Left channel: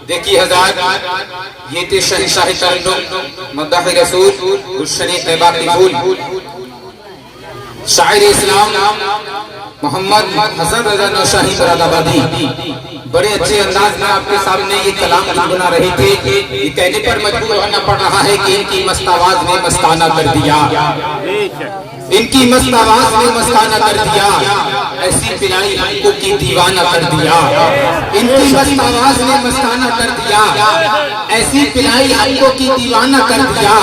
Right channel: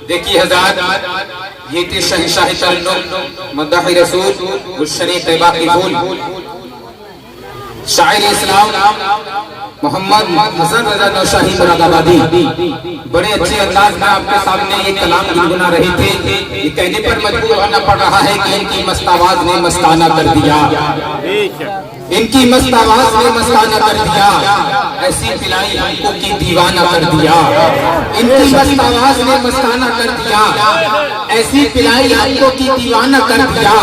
دیکھیے حضرات، یہ تھے شہنشاہ ترنم مداح رسول الشریف باقی پھول شاعر اسلام محمد حسن رضا نوشاہی مراد آبادی بڑے اچھے انداز میں آپ کے سامنے یہ کلام گنگنا رہے تھے. یہ کہنے پر مجبور ہونا پڑ رہا ہے کہ ان کی مست آواز نے مستانہ کر دیا، ان کی مست آواز نے مستانہ کر دیا، ایسی پلائی ہم کو کی دیوانہ کر دیا. ان کی مست آواز نے مستانہ کر دیا، ایسی پلائی ہم کو کی دیوانہ کر دیا.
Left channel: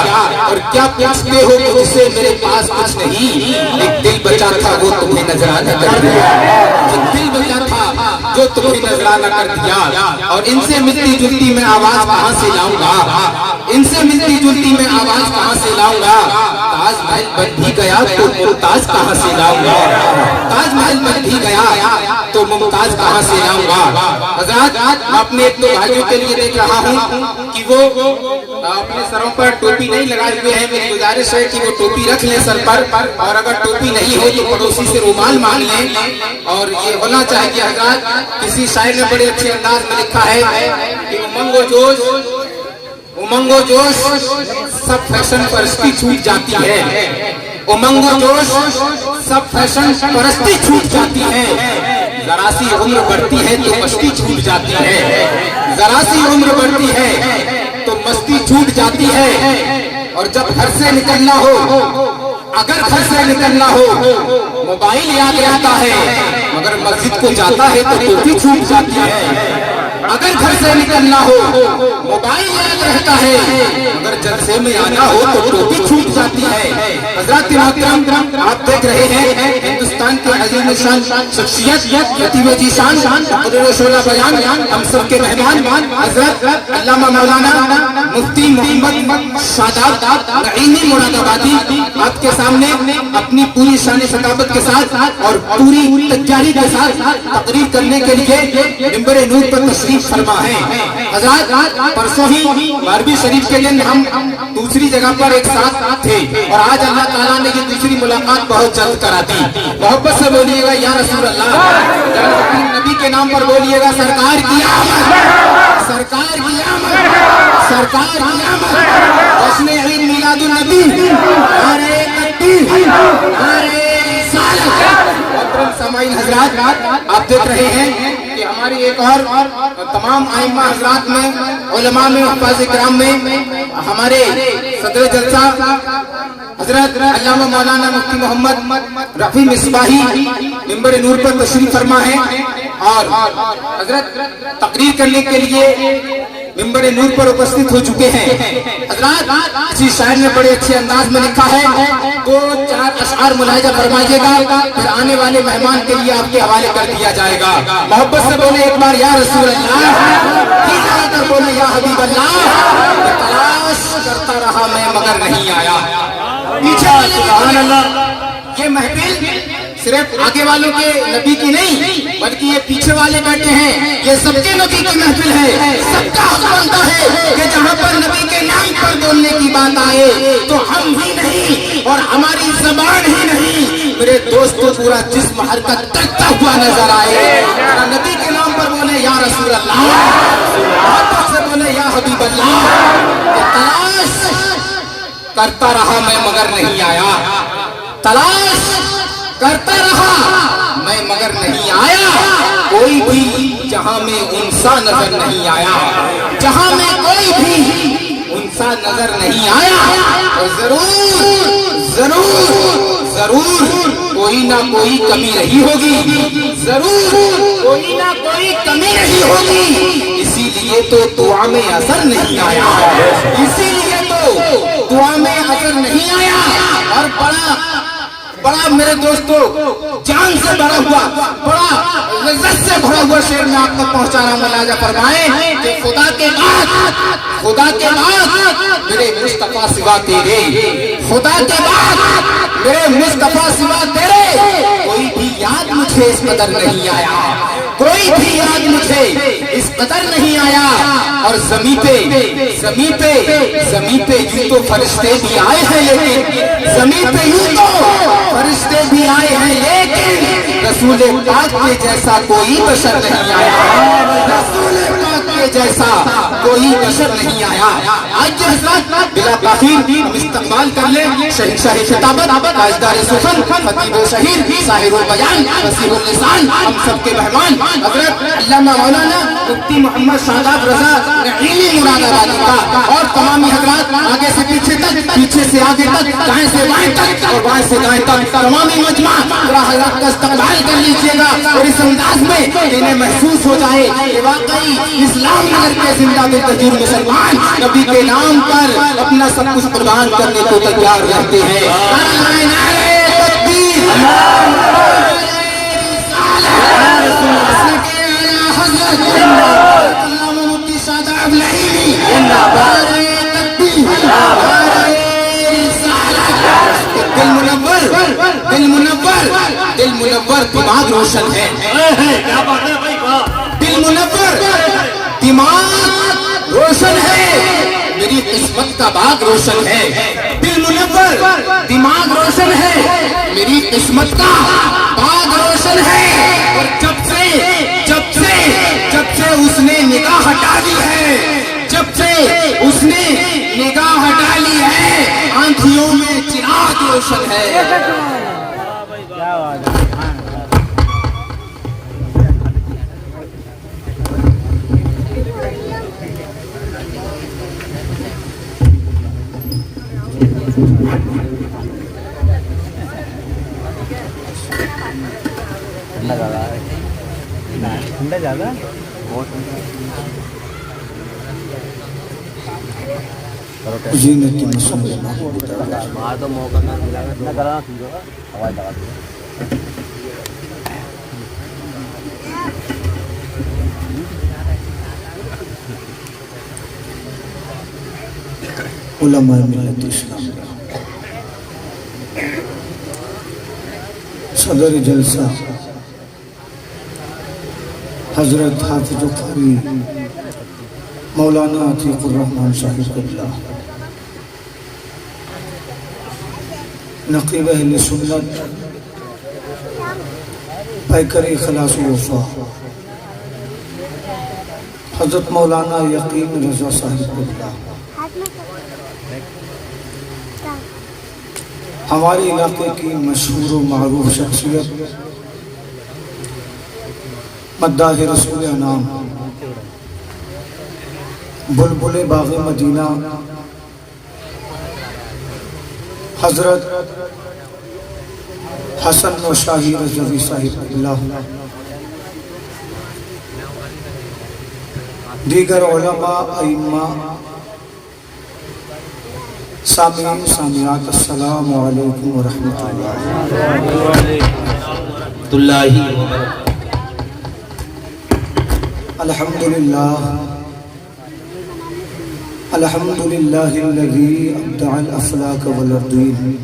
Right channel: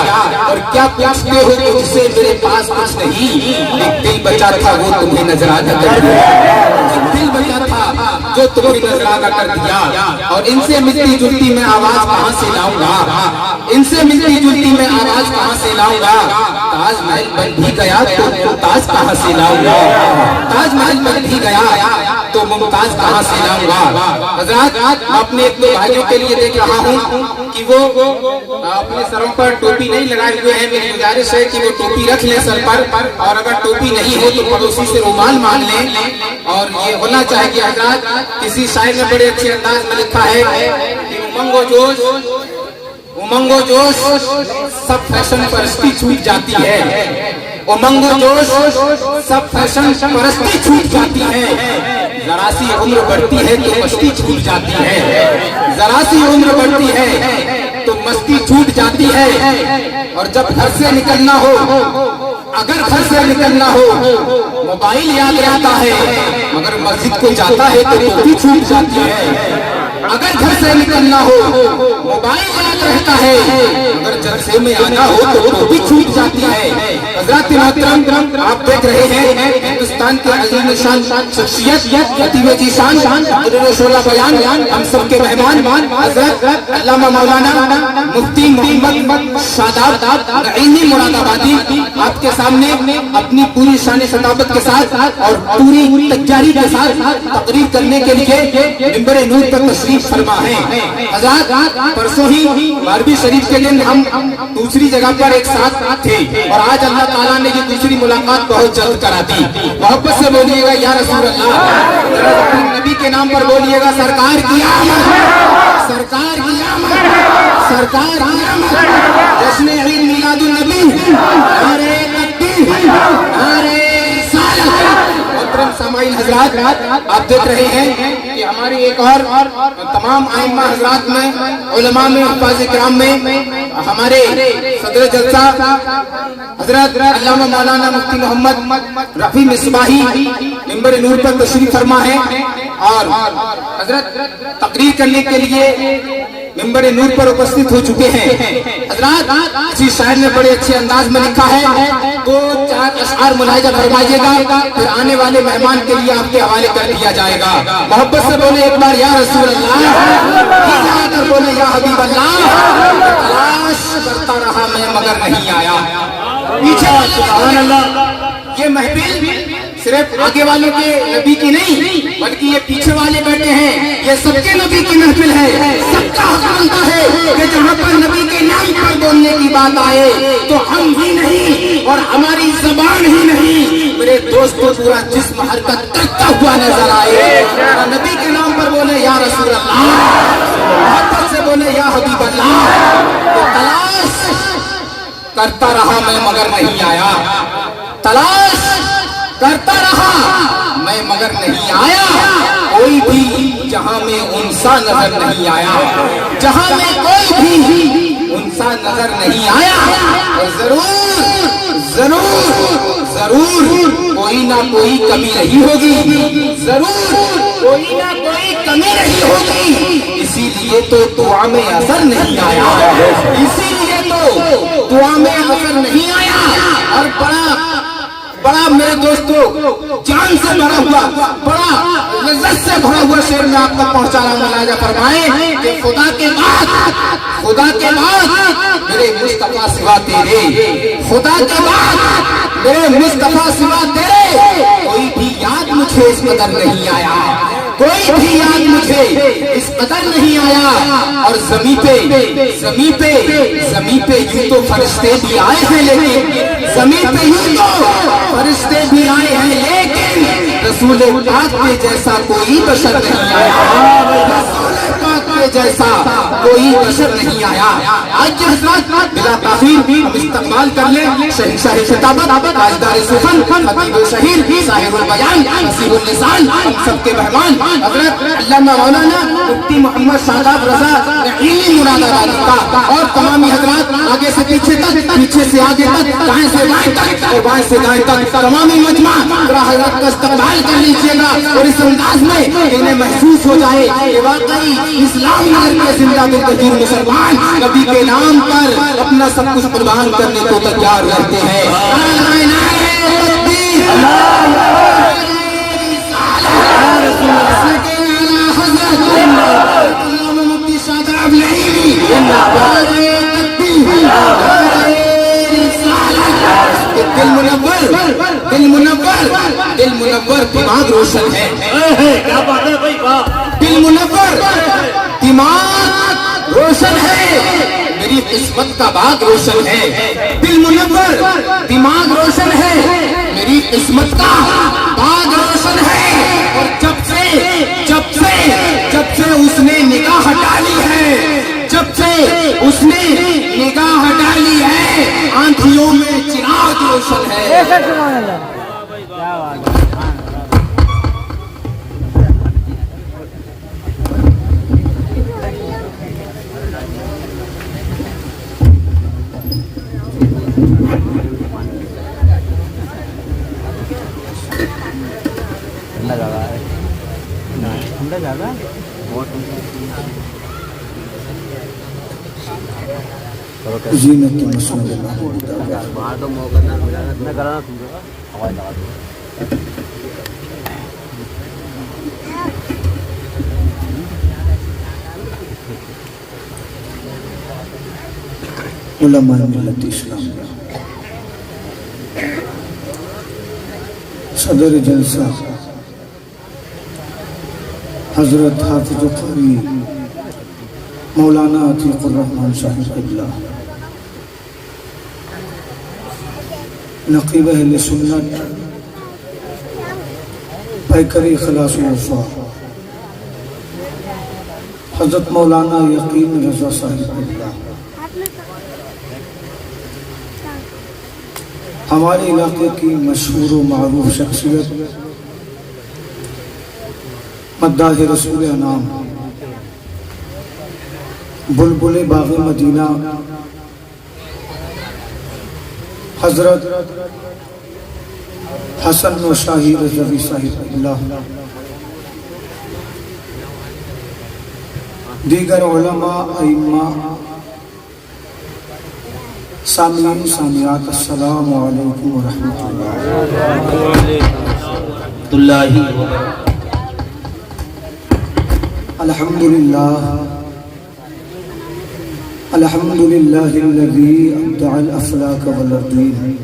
اور کیا پوچھتے ہو کہ جسے میرے پاس کچھ نہیں، ایک دل بچا تھا وہ تمہیں نذرانہ کر دیا. ایک دل بچا تھا جو تمہیں نذرانہ کر دیا. اور ان سے ملتی جلتی میں آواز کہاں سے لاؤں گا، ان سے ملتی جلتی میں آواز کہاں سے لاؤں گا. تاج محل بن بھی گیا تو ممتاز کہاں سے لاؤں گا، تاج محل بن بھی گیا تو ممتاز کہاں سے لاؤں گا. حضرات، میں اپنے اتنے بھائیوں کے لیے دیکھ رہا ہوں کہ وہ اپنے سروں پر ٹوپی نہیں لگائے ہوئے ہیں. میری گزارش ہے کہ وہ ٹوپی رکھ لیں سر پر، اور اگر ٹوپی نہیں ہو تو پڑوسی سے رومال مانگ لیں. اور یہ ہونا چاہیے کہ حضرات، کسی شاعر نے بڑے اچھے انداز میں لکھا ہے کہ امنگ و جوش، امنگ و جوش سب فیشن پرستی چھوٹ جاتی ہے. امنگ و جوش سب فیشن پرستی چھوٹ جاتی ہے. ذرا سی عمر بڑھتی ہے تو مستی چھوٹ جاتی ہے، ذرا سی عمر بڑھتی ہے تو مستی چھوٹ جاتی ہے. اور جب گھر سے نکلنا ہو، اگر گھر سے نکلنا ہو، موبائل یاد رہتا ہے، مگر مسجد کو جاتا ہے تو ٹوپی چھوٹ جاتی ہے. اگر گھر سے نکلنا ہو، موبائل یاد رہتا ہے، مگر جلسے میں آنا ہو تو ٹوپی چھوٹ جاتی ہے. حضرات محترم، آپ دیکھ رہے ہیں ہندوستان کے عظیم الشان شخصیت، خطیب ذیشان، مقرر شعلہ بیان، ہم سب کے مہمان حضرت علامہ مولانا مفتی محمد شاداب نعیمی مراد آبادی آپ کے سامنے اپنی پوری شان ثقافت کے ساتھ اور پوری تجاری کے ساتھ تقریر کرنے کے لیے منبر نور پر تشریف فرما ہے. حضرات، پرسوں ہی 12ویں شریف کے دن ہم دوسری جگہ پر ایک ساتھ تھے، اور آج اللہ تعالیٰ نے یہ دوسری ملاقات بہت جلد کرا دی. محبت سے بولیے گا یا رسول اللہ، اپنے نبی کے نام پر بولیے گا سرکار کی آمد، سرکار کی آمد، سرکار کی آمد. جشن عید میلاد النبی، نعرہ تکبیر، نعرہ رسالت. محترم سامعین حضرات، آپ دیکھ رہے ہیں کہ ہماری ایک اور تمام ائمہ حضرات میں، علماء میں، حفاظ کرام میں ہمارے صدر جلسہ حضرت علامہ مولانا مفتی محمد رفیع مصباحی منبر نور پر تشریف فرما ہے، اور حضرت تقریر کرنے کے لیے منبر نور پر اپستھت ہو چکے ہیں. حضرات، اسی شاعر نے بڑے اچھے انداز میں لکھا ہے، 2-4 اشعار ملاحظہ فرمائیے گا، پھر آنے والے مہمان کے لیے آپ کے حوالے کر دیا جائے گا. محبت سے بولے ایک بار یا رسول اللہ، بولے یا حبیب اللہ. تلاش کرتا رہا میں مگر نہیں آیا. یہ محفل صرف آگے والوں کے نبی کی نہیں، بلکہ یہ پیچھے والے بیٹھے ہیں، یہ سب کے نبی کی محفل ہے. سب کا حق بنتا ہے کہ جہاں پر نبی کے نام پر بولنے کی بات آئے تو ہم ہی نہیں اور ہماری زبان ہی نہیں، میرے دوست کو پورا جسم حرکت کرتا ہوا نظر آئے. نبی کے نام پر بولے یا رسول اللہ، محبت سے بولے یا حبیب اللہ. تلاش کرتا رہا میں مگر نہیں آیا، تلاش کرتا رہا میں مگر نہیں آیا. کوئی بھی جہاں میں انسان نظر نہیں آیا، جہاں میں کوئی بھی انسان نظر نہیں آیا. اور ضرور ضرور ضرور کوئی نہ کوئی کمی رہی ہوگی، ضرور کوئی نہ کوئی کمی رہی ہوگی. اسی لیے تو دعا میں اثر نہیں آیا، اسی لیے تو دعا میں اثر نہیں آیا. اور بڑا میرے دوستو جان سے بھرا ہوا، بڑا لذت سے بھرا ہوا شعر میں آپ تک پہنچا رہا ہوں. ملاحظہ فرمائیں کہ خدا کے بعد میرے مصطفیٰ سوا تیرے، خدا کے بعد میرے مصطفیٰ سوا تیرے کوئی بھی یاد مجھے اس قدر نہیں آیا، کوئی بھی یاد مجھے اس قدر نہیں آیا. اور زمین پہ یوں تو فرشتے بھی آئے ہیں، لیکن زمین پہ یوں تو فرشتے بھی آئے ہیں، لیکن رسول پاک کے جیسا کوئی بشر نہیں آیا، رسول پاک کے کے جیسا کوئی بشر نہیں آیا. آج کے حضرات بلا تاخیر ہم استقبال کر لیں شہنشاہ خطابت تاجدار سخن خطیب و شہیر صاحب البیان فصیح اللسان ہم سب کے مہمان حضرت علامہ مولانا مفتی محمد شاداب رضا نعیمی مراد آبادی کا اور تمامی حضرات آگے سے پیچھے تک پیچھے سے آگے تک دائیں سے بائیں تک اور بائیں سے دائیں تک تمامی مجمع ذرا حضرت کا استقبال کر لیجیے گا اور اس انداز میں انہیں محسوس ہو جائے کہ واقعی اسلام نگر کے زندہ بالتجیر مسلمان نبی کے نام پر اپنا سب کچھ قربان کرنے کو تیار رہتے ہیں. دل منور دماغ روشن ہے. دل منور دماغ روشن ہے. میری قسمت کا باغ روشن ہے. دل منور دماغ روشن ہے. میری قسمت کا باغ روشن ہے. اور جب سے اس نے نگاہ ہٹا لی ہے نگاہ ہٹا لی ہے آنکھوں میں چراغ روشن ہے. ٹھنڈا زیادہ بہت وہاں تو موقع نہ ملا نہ کرانا سمجھو ہوائی لگا دو. علماء ملت اسلامیہ صدر جلسہ حضرت حافظ قاری مولانا عتیق الرحمن صاحب قبلہ نقیب اہل سنت پیکر اخلاص و وفا حضرت مولانا یقین رضا صاحب قبلہ ہمارے علاقے کی مشہور و معروف شخصیت مداح رسول انام بلبل باغ مدینہ حضرت حسن نوشاہی رضوی صاحب اللہ دیگر علماء ائمہ سامعین سامعات السلام علیکم ورحمۃ اللہ. الحمد للہ الذی ابدع الافلاک والارضین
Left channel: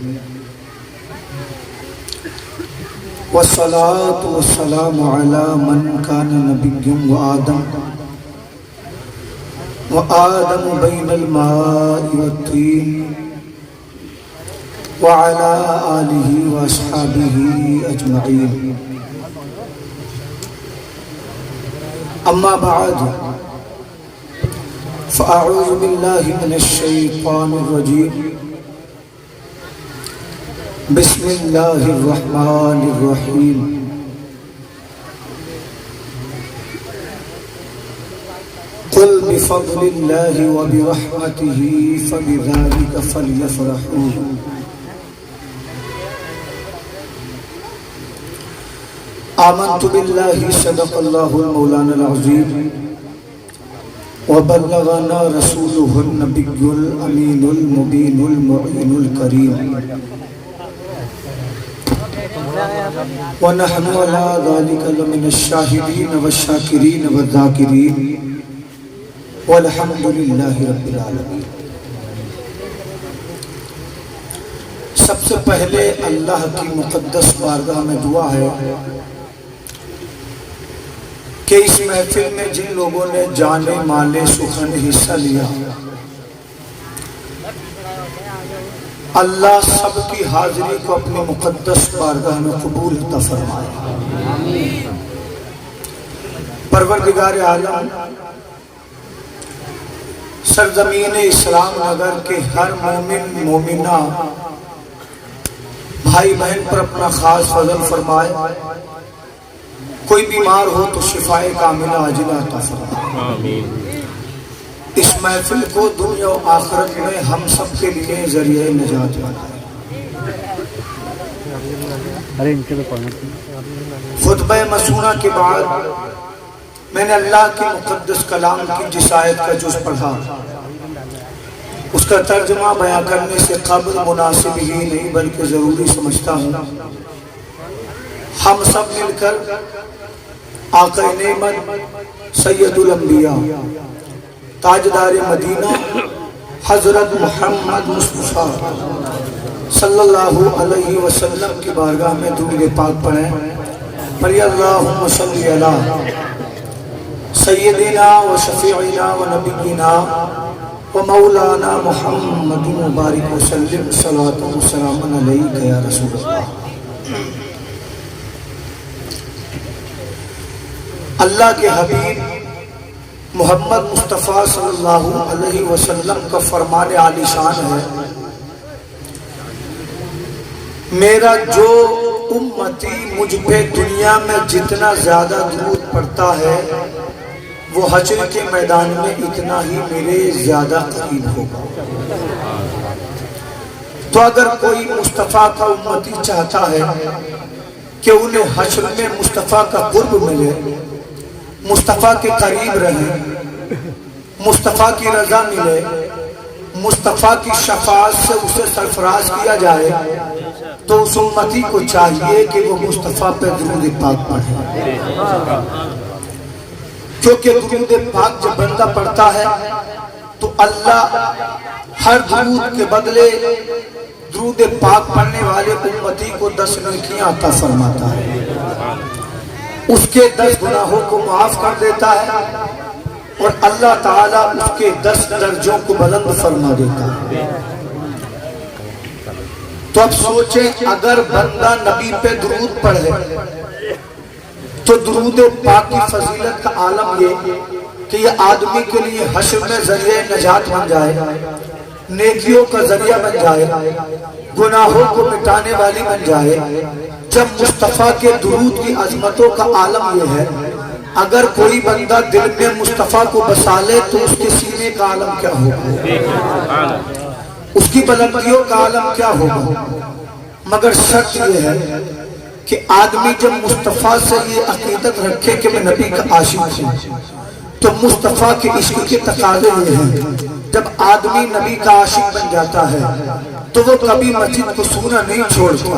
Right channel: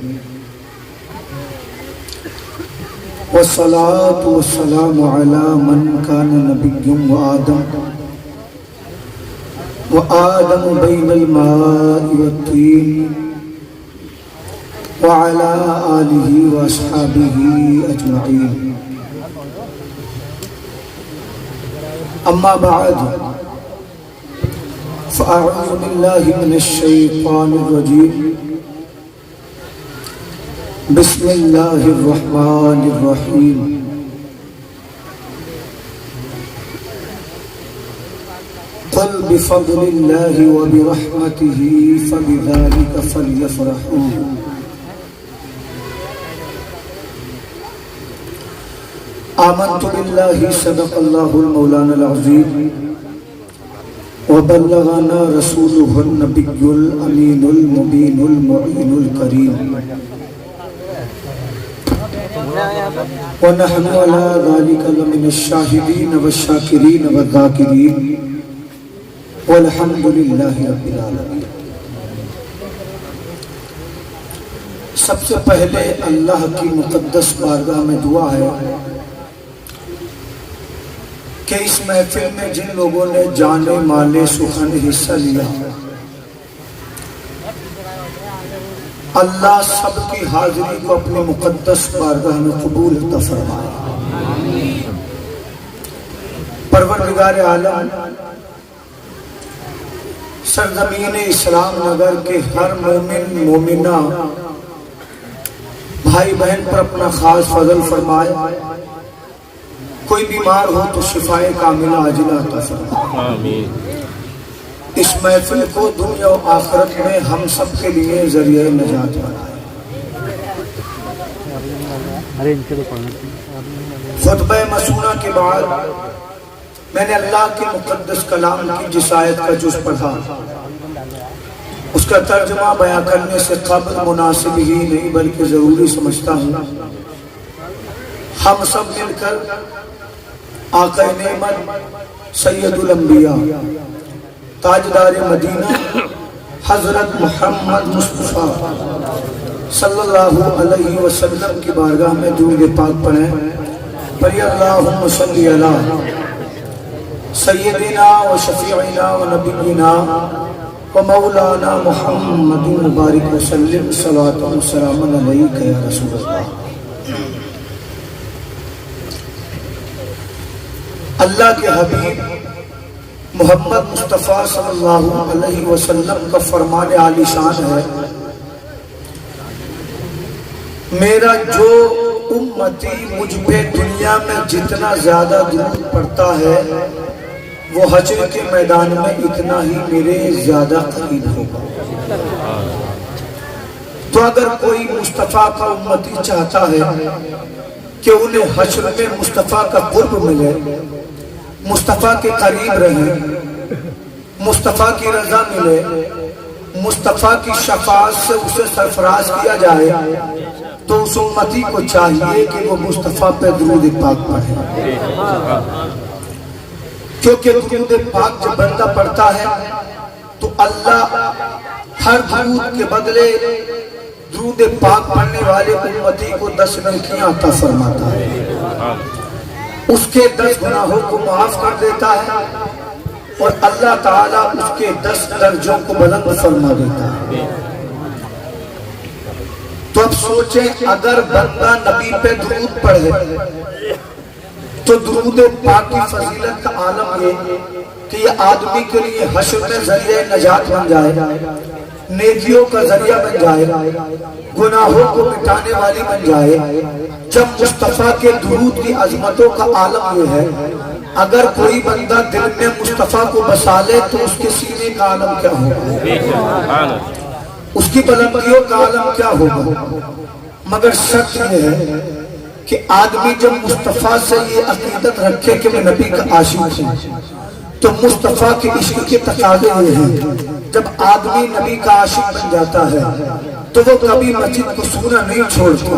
والصلاة والسلام علی من کان نبی وآدم بین الماء والطین وعلى آلہ واصحابہ اجمعین. اما بعد فاعوذ باللہ من الشیطان الرجیم بسم اللہ الرحمن الرحیم. قل بفضل اللہ وبرحمتہ فبذلک فلیفرحوا آمنت باللہ صدق اللہ المولانا العظیم وبلغنا رسوله النبی الامین المبین المعین الکریم ونحن على ذلك لمن الشاہدین والشاکرین والذاکرین والحمد للہ رب العالمین. سب سے پہلے اللہ کی مقدس بارگاہ میں دعا ہے کہ اس محفل میں جن لوگوں نے جانے مالے سخن حصہ لیا اللہ سب کی حاضری کو اپنے مقدس بارگاہ میں قبول عطا فرمائے. پروردگار عالم सरजमीन इस्लाम नगर के हर मोमिन मोमिना भाई बहन पर अपना खास फजल फरमाए। कोई बीमार हो तो शिफाए कामिला आजिला अता फरमाए। आमीन। इस महफिल को दुनिया और आखिरत में हम सब के लिए जरिए नजात बनाए। खुतबा मसूना के बाद मैंने अल्लाह के मुक़द्दस कलाम की जिस आयत का जुज़ पढ़ा उसका तर्जुमा बयां करने से कब्ल मुनासिब ही नहीं बल्कि जरूरी समझता हूँ। हम सब मिलकर आका नेमत सैयदुल अंबिया ताजदार मदीना हजरत मोहम्मद मुस्तफा सल्लल्लाहु अलैहि वसल्लम की बारगाह में दुरूद पाक पढ़ें। पर अल्लाहुम्मा सल्ली अला सय्यदिना व शफीइना व नबीना व मौलाना मुहम्मदिन मुबारक वसल्लम सल्लल्लाहु व सलाम अलैका या रसूल अल्लाह। अल्लाह के हबीब मोहम्मद मुस्तफ़ा सल्लल्लाहु अलैहि वसल्लम का फरमान आलीशान है, मेरा जो उम्मती मुझ पे दुनिया में जितना ज्यादा दुरूद पढ़ता है वो हश्र के मैदान में इतना ही मेरे ज्यादा करीब होगा। तो अगर कोई मुस्तफ़ा का उम्मती चाहता है कि उन्हें हश्र में मुस्तफ़ा का कुर्ब मिले, मुस्तफ़ा के करीब रहे, मुस्तफ़ा की रजा मिले, मुस्तफ़ा की शफाअत से उसे सरफराज किया जाए, तो उस उम्मती को चाहिए कि वो मुस्तफ़ा पे दुरूद पाक पढ़े। क्योंकि दुरूद पाक जब बंदा पढ़ता है तो अल्लाह हर दुरूद के बदले दुरूद पाक पढ़ने वाले उम्मती को 10 नेकियां अता फरमाता है, उसके 10 गुनाहों को माफ कर देता है और अल्लाह ताला उसके 10 दर्जों को बुलंद फरमा देता है। तो अब सोचें, अगर बंदा नबी पे दुरूद पढ़े तो दुरूद पाक की फजीलत का आलम ये कि ये आदमी के लिए हश्र में जरिए नजात बन जाए, नेकियों का जरिया बन जाए, गुनाहों को मिटाने वाली बन जाए। जब मुस्तफ़ा के दुरूद की अजमतों का आलम ये है, अगर कोई बंदा दिल में मुस्तफ़ा को बसा ले तो उसके सीने का आलम क्या होगा, उसकी बुलंदियों का आलम क्या होगा। मगर शर्त यह है कि आदमी जब मुस्तफ़ा से ये अकीदत रखे कि मैं नबी का आशिक हूँ, तो मुस्तफ़ा के इश्क के तकाज़े ये हैं, जब आदमी नबी का आशिक बन जाता है तो वो कभी मस्जिद को सूना नहीं छोड़ता,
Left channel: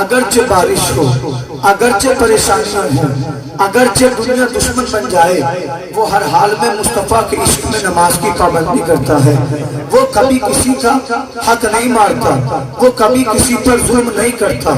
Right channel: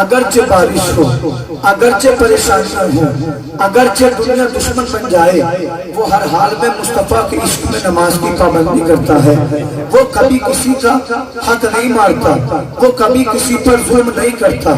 अगरचे बारिश हो, अगरचे परेशानियां हो, अगरचे दुनिया दुश्मन बन जाए, वो हर हाल में मुस्तफ़ा के इश्क में नमाज की पाबंदी करता है। वो कभी किसी का हक नहीं मारता, वो कभी किसी पर जुल्म नहीं करता,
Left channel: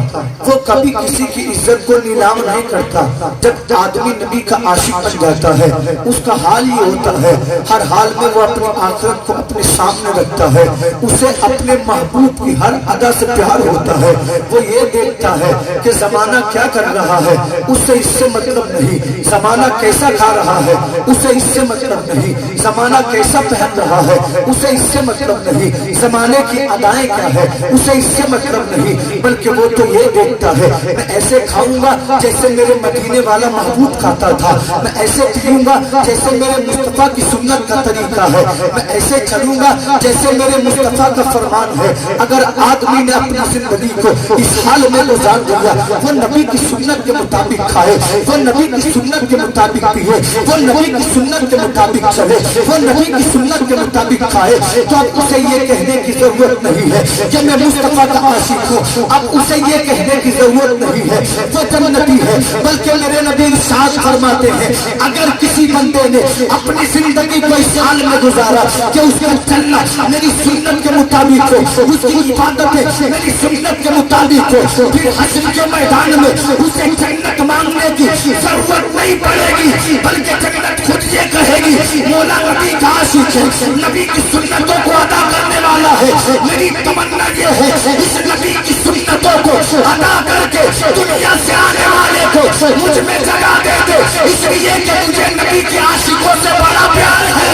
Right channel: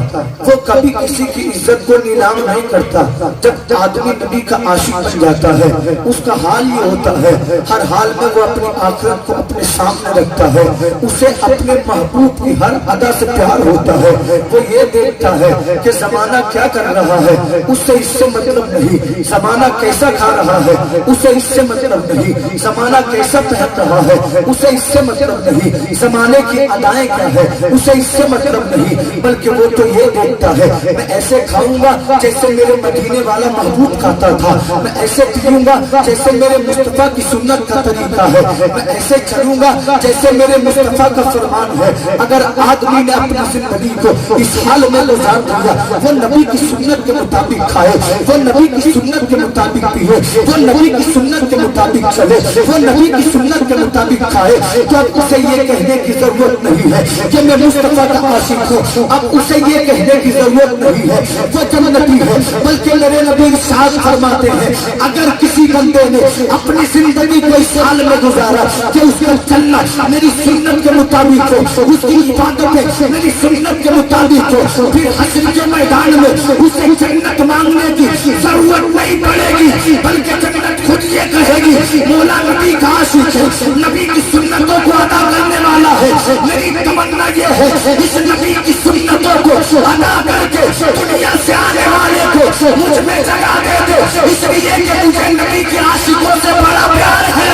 वो कभी किसी की इज्जत को नीलाम नहीं करता। जब आदमी नबी का आशिक बन जाता है उसका हाल ये होता है, हर हाल में वो अपनी आखिरत को अपने सामने रखता है, उसे अपने महबूब की हर अदा से प्यार होता है। वो ये देखता है कि जमाना क्या कर रहा है, उससे इससे मतलब नहीं, जमाना कैसा खा रहा है उसे इससे मतलब नहीं, जमाना कैसा पहन रहा है उसे इससे मतलब नहीं, जमाने की अदाएं क्या है उसे इससे मतलब नहीं, बल्कि वो तो ये देखता है मैं ऐसे खाऊंगा जैसे मेरे मदीने वाला महबूब खाता था, मैं ऐसे पीऊंगा जैसे मेरे मुस्तफ़ा की सुन्नत का तरीका है, मैं ऐसे चलूंगा जैसे मेरे मुस्तफ़ा का फरमान है। अगर आदमी ने अपनी जिंदगी को इस हाल में गुजार दिया, वो नबी की सुन्नत के मुताबिक खाए, वो नबी की सुन्नत के मुताबिक पिए, वो नबी की सुन्नत के मुताबिक चले, वो नबी की सुन्नत के मुताबिक खाए, तो अब उसे ये कहने की जरूरत नहीं है कि मैं मुस्तफ़ा का आशिक हूँ, अब उसे ये कहने की जरूरत नहीं है वो जन्नती है, बल्कि मेरे नबी इरशाद फरमाते हैं अगर किसी बंदे ने अपनी जिंदगी को इस हाल में गुजारा कि उसका चलना मेरी सुन्नत के मुताबिक हो, उसकी इबादत मेरी सुन्नत के मुताबिक हो, फिर हश्र के मैदान में उसे जन्नत मांगने की जरूरत नहीं पड़ेगी, बल्कि जन्नत खुद ये कहेगी मौला नबी का आशिक है, नबी की सुन्नतों को अदा करने वाला है। मेरी तमन्ना ये है इस नबी की सुन्नतों को अदा करके दुनिया से आने वाले को मुझ में जगा दे दे, इसलिए कि मुझे नबी के आशिकों से बड़ा प्यार है।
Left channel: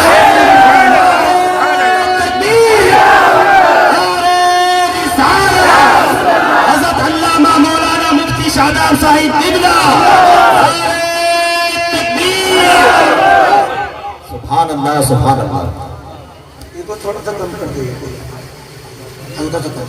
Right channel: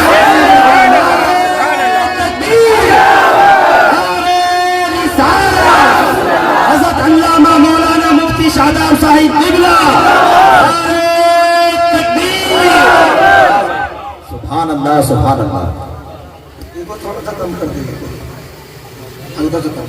سبحان اللہ سبحان اللہ. تھوڑا سا کم کر دیجیے, ہلکا سا کم.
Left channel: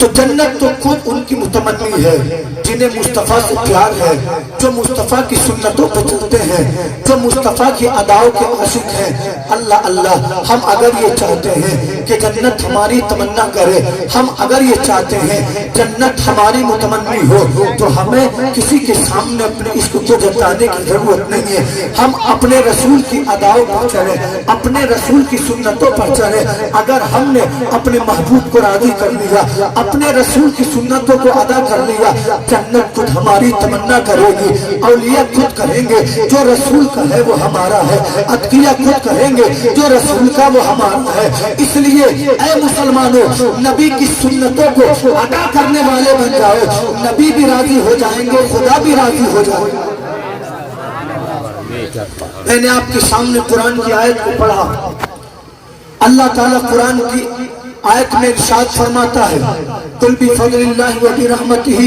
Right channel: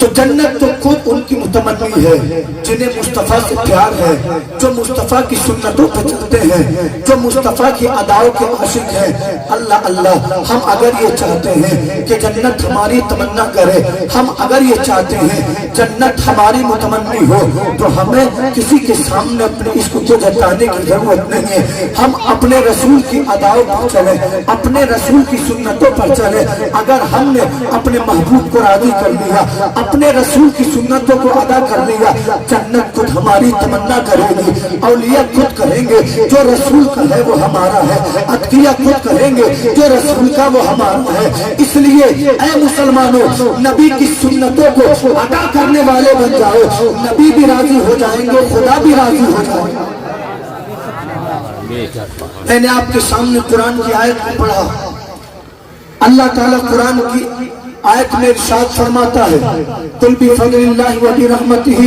تو جنت تو خود ان کی متمنی ہے جنہیں مصطفیٰ سے پیار ہے, جو مصطفیٰ کی سنتوں پہ چلتے ہیں, جو مصطفیٰ کی اداؤں کے عاشق ہیں. اللہ اللہ, ہم اگر یہ چاہتے ہیں کہ جنت ہماری تمنا کرے, ہم اگر یہ چاہتے ہیں جنت ہماری متمنی ہو, تو ہمیں کسی کے سامنے اپنے عشق کو جتانے کی ضرورت نہیں ہے. ہم اپنے رسول کی اداؤں پر چلیں, اپنے رسول کی سنتوں پر چلیں. اگر ہم نے اپنے محبوب کو راضی کر لیا, اپنے رسول کی سنتوں کو ادا کر لیا, جنت خود ہماری تمنا کرے گی. اولیاء خود کہیں گے جو رسول کا ہے وہ ہمارا ہے, اتقیاء خود کہیں گے جو رسول کا وہ ہمارا ہے. اس لیے اے مسلمانوں, نبی کی سنتوں کو ادا کرنے والے بن جاؤ, نبی بھی راضی ہو جائیں گے, خدا بھی راضی ہو جائے گا. میں نے آپ کے سامنے قرآن کی آیت کو پڑھا. اللہ تعالیٰ قرآن کی آیت میں ارشاد فرماتا ہے, قل بفضل اللہ وبرحمتہ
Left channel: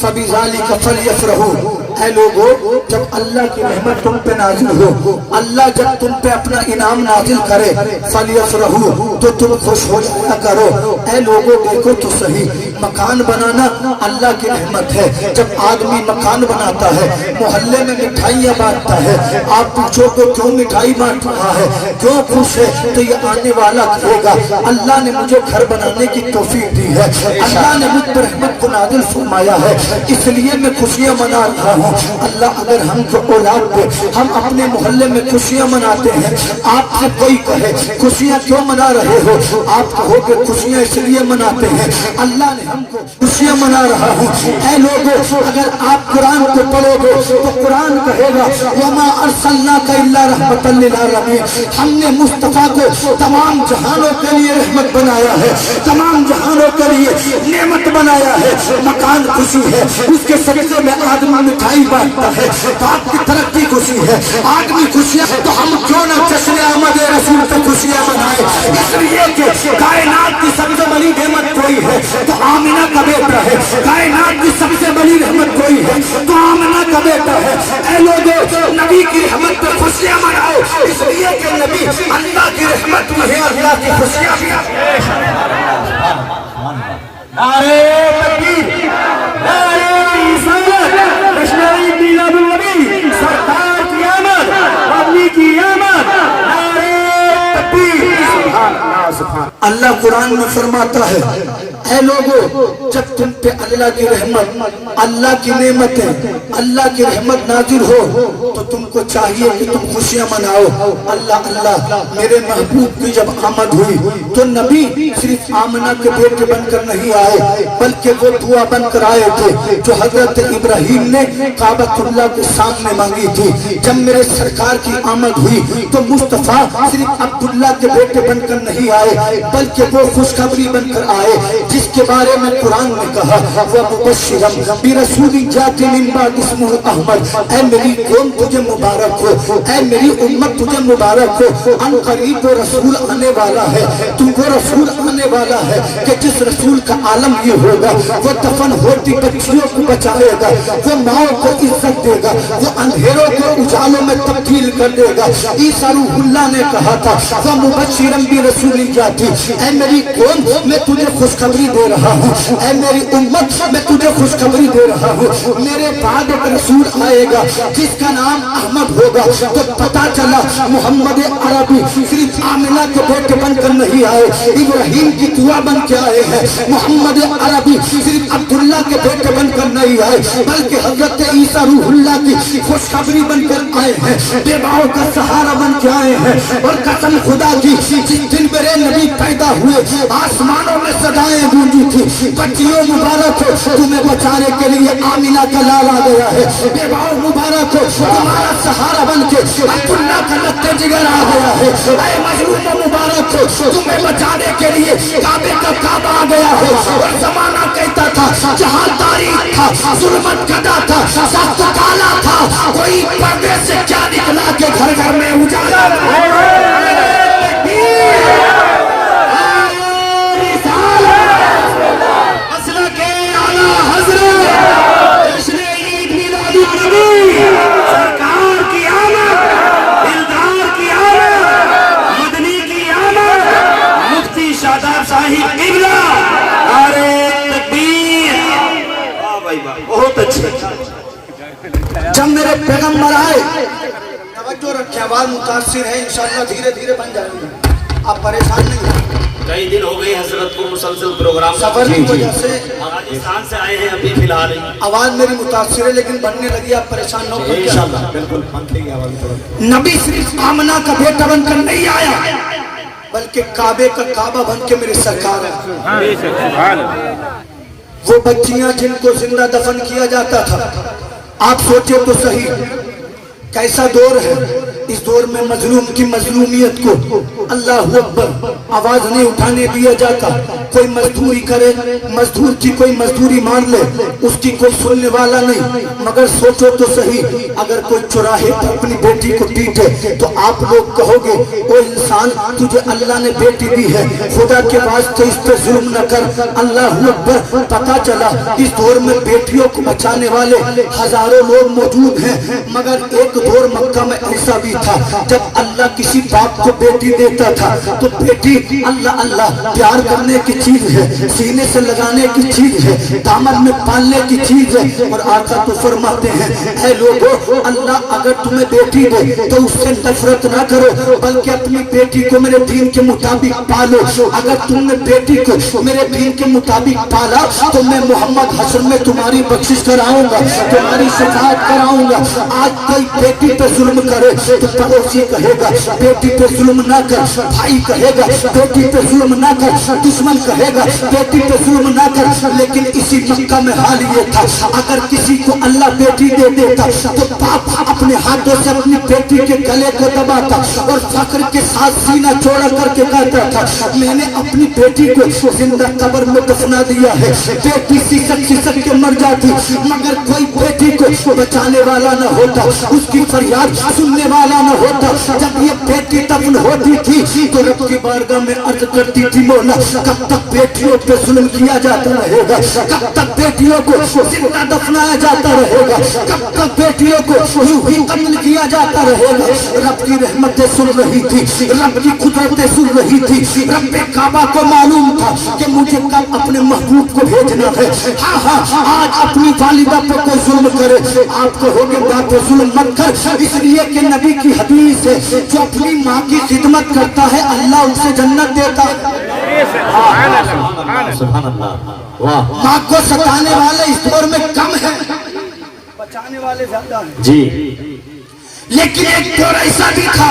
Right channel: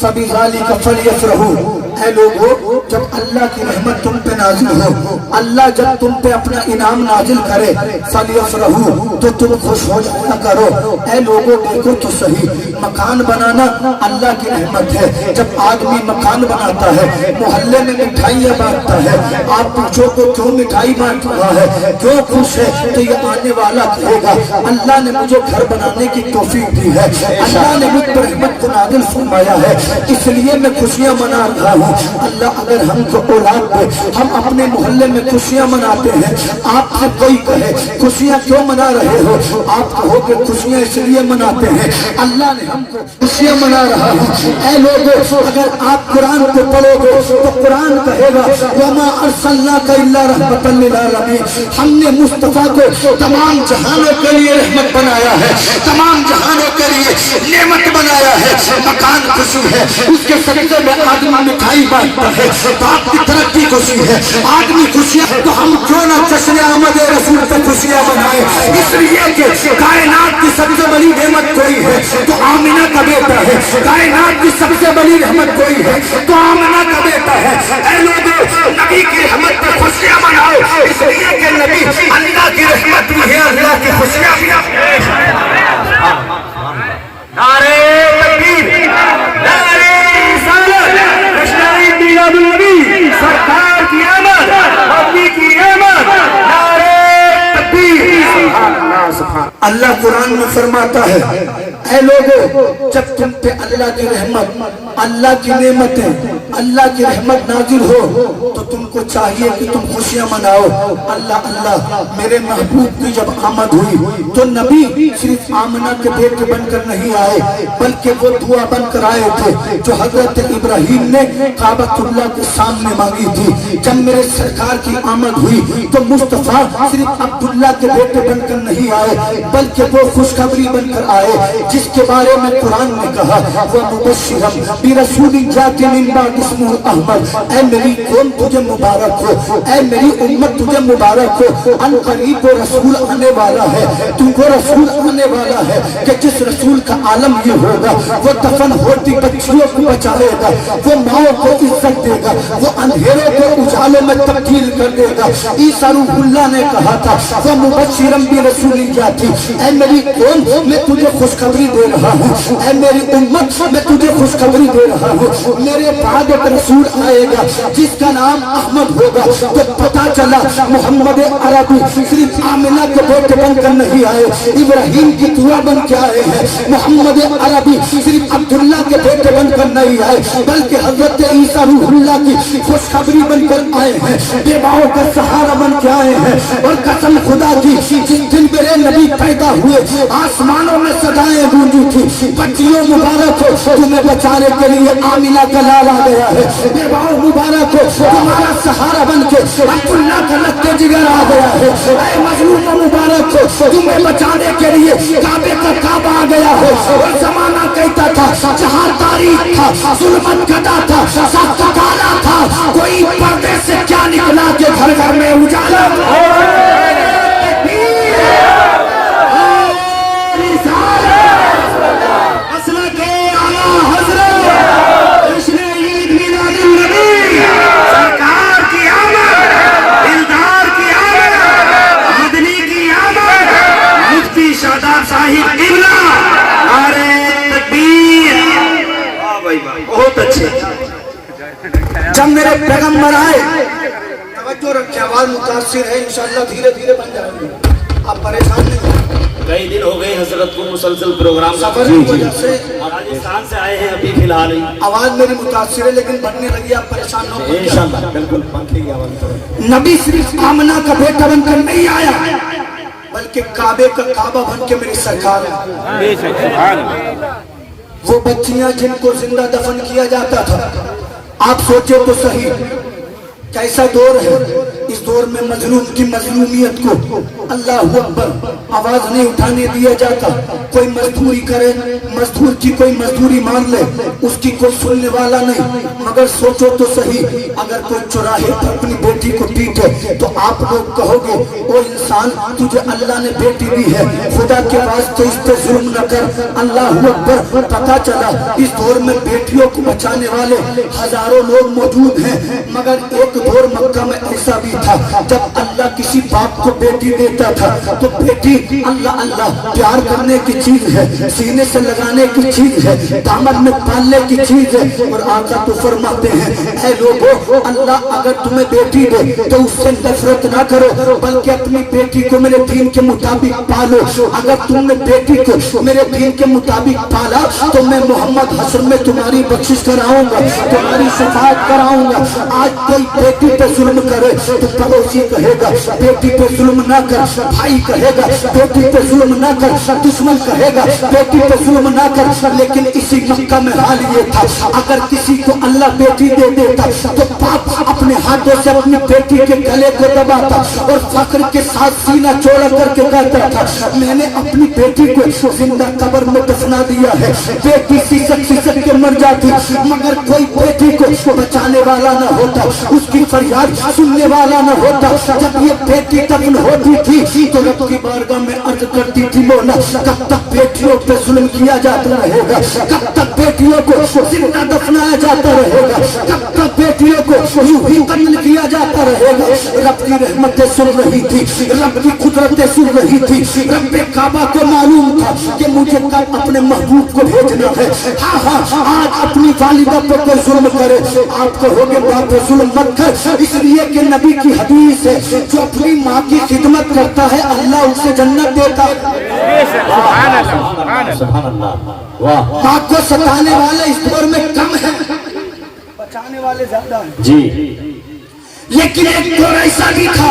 فبذلک فلیفرحوا. اے لوگو, جب اللہ کی رحمت تم پہ نازل ہو, اللہ جب تم پہ اپنا انعام نازل کرے, فلیفرحوا, تو تم خوش ہو جایا کرو. اے لوگو دیکھو تو صحیح, مکان بنانا اللہ کی رحمت ہے. جب آدمی مکان بناتا ہے, محلے میں مٹھائیاں بانٹتا ہے, آپ پوچھو تو کیوں مٹھائی بانٹ رہا ہے, کیوں خوش ہے, تو یہ آنے والا کہے گا اللہ نے مجھے گھر بنانے کی توفیق دی ہے, اللہ نے مجھ پر رحمت کو نازل فرمایا ہے, اس لیے میں خوشیاں منا رہا ہوں. اللہ اگر ہم کو اولاد دے, ہم اپنے محلے میں خوشیاں مناتے ہیں. آپ سے کوئی کہے خوشیاں کیوں منا رہے ہو, آپ کہو کہ خوشیاں اس لیے مناتے ہیں اللہ نے ہم کو خوشیاں منا رہا ہوں. اے لوگوں, اگر آپ قرآن کو پڑھو گے تو قرآن کہے گا وما ارسلناک الا رحمۃ للعالمین, ہم نے مصطفیٰ کو تمام جہانوں کے لیے رحمت بنایا ہے, تمام جہانوں کے لیے نعمت بنایا ہے. مکان خوشی ہے, اس کے سبزے میں آدمی مٹھائی بانٹتا ہے, آپ کی ترقی خوشی ہے, آدمی خوشی ہے, تو ہم کیوں نہ جشن آمد رسول پہ خوشیاں منائیں. اس لیے کہ کائنات کی سب سے بڑی نعمت کوئی ہے تو آمنہ کا بیٹا ہے, کائنات کی سب سے بڑی رحمت کوئی ہے تو آمنہ کا بیٹا ہے. اے لوگوں, نبی کی رحمت پہ خوشیاں مناؤ, اس لیے کہ نبی اللہ کی رحمت بھی ہے, اللہ کی خوشیاں بھی ہے. نعرے تکبیر, نعرے رسالت, رشنائی میلاد النبی, سرکار کی آمد, نبی کی آمد, نعرے تکبیر. اللہ قرآن میں فرماتا ہے, اے لوگوں, جب تم پہ اللہ کی رحمت, اللہ کی نعمتیں, اللہ کی رحمت نازل ہو تو تم کو چاہیے کہ تم خوشیاں مناؤ. اللہ اللہ, میرے محبوب کی جب آمد ہوئی تو نبی صرف آمنہ کے بیٹے بن کر نہیں آئے, بلکہ وہ دعا بن کر آئے تھے جو حضرت ابراہیم نے کعبۃ اللہ کے سامنے مانگی تھی. جب میرے سرکار کی آمد ہوئی تو مصطفیٰ صرف عبداللہ کے بیٹے بن کر نہیں آئے, بلکہ وہ خوشخبری بن کر آئے جس کے بارے میں قرآن نے کہا وَمُبَشِّرًا بِرَسُولٍ يَأْتِي مِن بَعْدِهِ اسْمُهُ أَحْمَدُ. اے میری قوم تجھے مبارک ہو, اے میری امت تجھے مبارک ہو, ان قریب وہ رسول آنے والا ہے, تو وہ رسول آنے والا ہے کہ جس رسول کا عالم یہ ہوگا, وہ دفن ہوتی بچیوں کو بچائے گا, وہ ماؤں کو عزت دے گا, وہ اندھیروں کو اجالوں میں تبدیل کر دے گا. عیسیٰ روح اللہ نے کہا تھا وَمُبَشِّرًا بِرَسُولٍ يَأْتِي, اے میری قوم میں تجھے خوشخبری دے رہا ہوں, اے میری امت میں تجھے خوشخبری دے رہا ہوں, میرے بعد ایک رسول آئے گا جس کا نام احمد ہوگا. تو پتا چلا محمد عربی صرف آمنہ کے بیٹے بن کر نہیں آئے, ابراہیم کی دعا بن کے آئے ہیں. محمد عربی صرف عبداللہ کے بیٹے بن کر نہیں آئے, بلکہ حضرت عیسیٰ روح اللہ کی خوشخبری بن کر آئے ہیں, بیواؤں کا سہارا بن کے آئے ہیں. اور قسم خدا کی, جس دن میرے نبی پیدا ہوئے آسمانوں میں سجائیں گونجی تھی. بچیوں مبارک ہو, تمہیں بچانے کے لیے آمنہ کا لال آ گیا ہے. بیواؤں مبارک ہو, تمہارا سہارا بن کے عبداللہ کا لتے جگر آ گیا ہے. اے مظلوم مبارک ہو, تمہیں بچانے کے لیے کعبے کا کعبہ آ گیا ہے. اور زمانہ کہتا تھا جہاں تاریخ تھا, ظلمت گدا تھا, سخت کالا تھا, کوئی پردے سے کیا نکلا کہ گھر گھر میں اجالا سرکار रखे, आवाज मुतासिर है, इंशाल्लाह धीरे धीरे बन जाएंगे, आप परेशान नहीं हो। कई दिन हो गए हजरत को मुसलसल प्रोग्राम सफर की वजह से राजस्थान से आए हैं अभी फिलहाल ही। आवाज मेरी मुतासिर है लेकिन बनने लगी, आप परेशान न हो। इंशाल्लाह बिल्कुल पंखे की आवाज पर। नबी सिर्फ आमना का बेटा बनकर नहीं आया, बल्कि काबे का काबा बन के मेरी सरकार है। वो बच्चियां जिनको जिंदा दफन किया जाता था, आप सोचे तो सही कैसा दौर है। इस दौर में मजलूम की मजलूमियत को अल्लाह अकबर आवाज नहीं उठाने दिया जाता। कोई मजदूरी करे, मजदूर की कोई मजदूरी मान ले, उसकी कोई सुनने वाला नहीं। मगर सोचो तो सही, अगर कोई चौराहे पर अपनी बेटी को पीटे तो आप लोग कहोगे ओ इंसान, तुझे अल्लाह ने बेटी दी है, खुदा के वास्ते इस पे जुल्म न कर। अल्लाह अकबर। पता चला इस दौर में बेटियों को बचाने वाले हजारों लोग मौजूद हैं, मगर एक दौर मक्का में ऐसा भी था जब अल्लाह किसी बाप को बेटी देता था तो बेटी अल्लाह अल्लाह प्यार करने की चीज है, सीने से लगाने की चीज है, दामन में पालने की चीज है। और आका तो फरमाते हैं, ऐ लोगों, अल्लाह अगर तुम्हें बेटी दे तो उससे नफरत ना करो, बल्कि अपनी बेटी को मेरे दीन के मुताबिक पालो। अगर तुमने बेटी को मेरे दीन के मुताबिक पाला तो मैं मोहम्मद हसन में तुम्हारी बख्शिश कराऊंगा, तुम्हारी शफाअत कराऊंगा। आज कोई बेटी पे जुल्म करे तो पड़ोसी कहेगा बेटी पे जुल्म ना कर, भाई कहेगा बेटी पे जुल्म ना कर, दुश्मन कहेगा बेटी पे जुल्म ना कर। लेकिन इसी मक्का में हाल ये था, अगर किसी को अल्लाह बेटी दे देता तो बाप अपने हाथों से अपनी बेटी के गले को दबाता और फख्र के साथ सीना चौड़ा करके कहता था, मैंने अपनी बेटी को जिंदा कब्र में दफना दिया है। बेटी सिसक सिसक के मर जाती, मगर कोई बेटी को बचाने वाला न होता, उसकी फरियाद सुनने वाला न होता। जब ये बेटी दफन होती थी तो रब की बारगाह में अर्ज करती थी, मौला कब तक बेटियों पे जुल्म किया जाता रहेगा, कब तक बेटियों को जिंदा दफनाया जाता रहेगा, कब तक बेटियों को यूं ही कत्ल किया जाता रहेगा। रब की रहमतें सुन रही थी, रब की कुदरतें सुन रही थी। रब काबा को मालूम था कि मुझे कब अपने महबूब को भेजना है। हाँ हाँ, आज अपनी वालिदा पे कोई जुल्म करे, आप कहोगे बाप पे जुल्म मत कर, इसलिए कि नबी की हदीस है, जो अपनी माँ की खिदमत करता है अल्लाह उसे जन्नत देता है। माँ को सताने वाले इस दौर में कम है, बचाने वाले ज्यादा हैं जी। लेकिन एक दौर ऐसा भी था,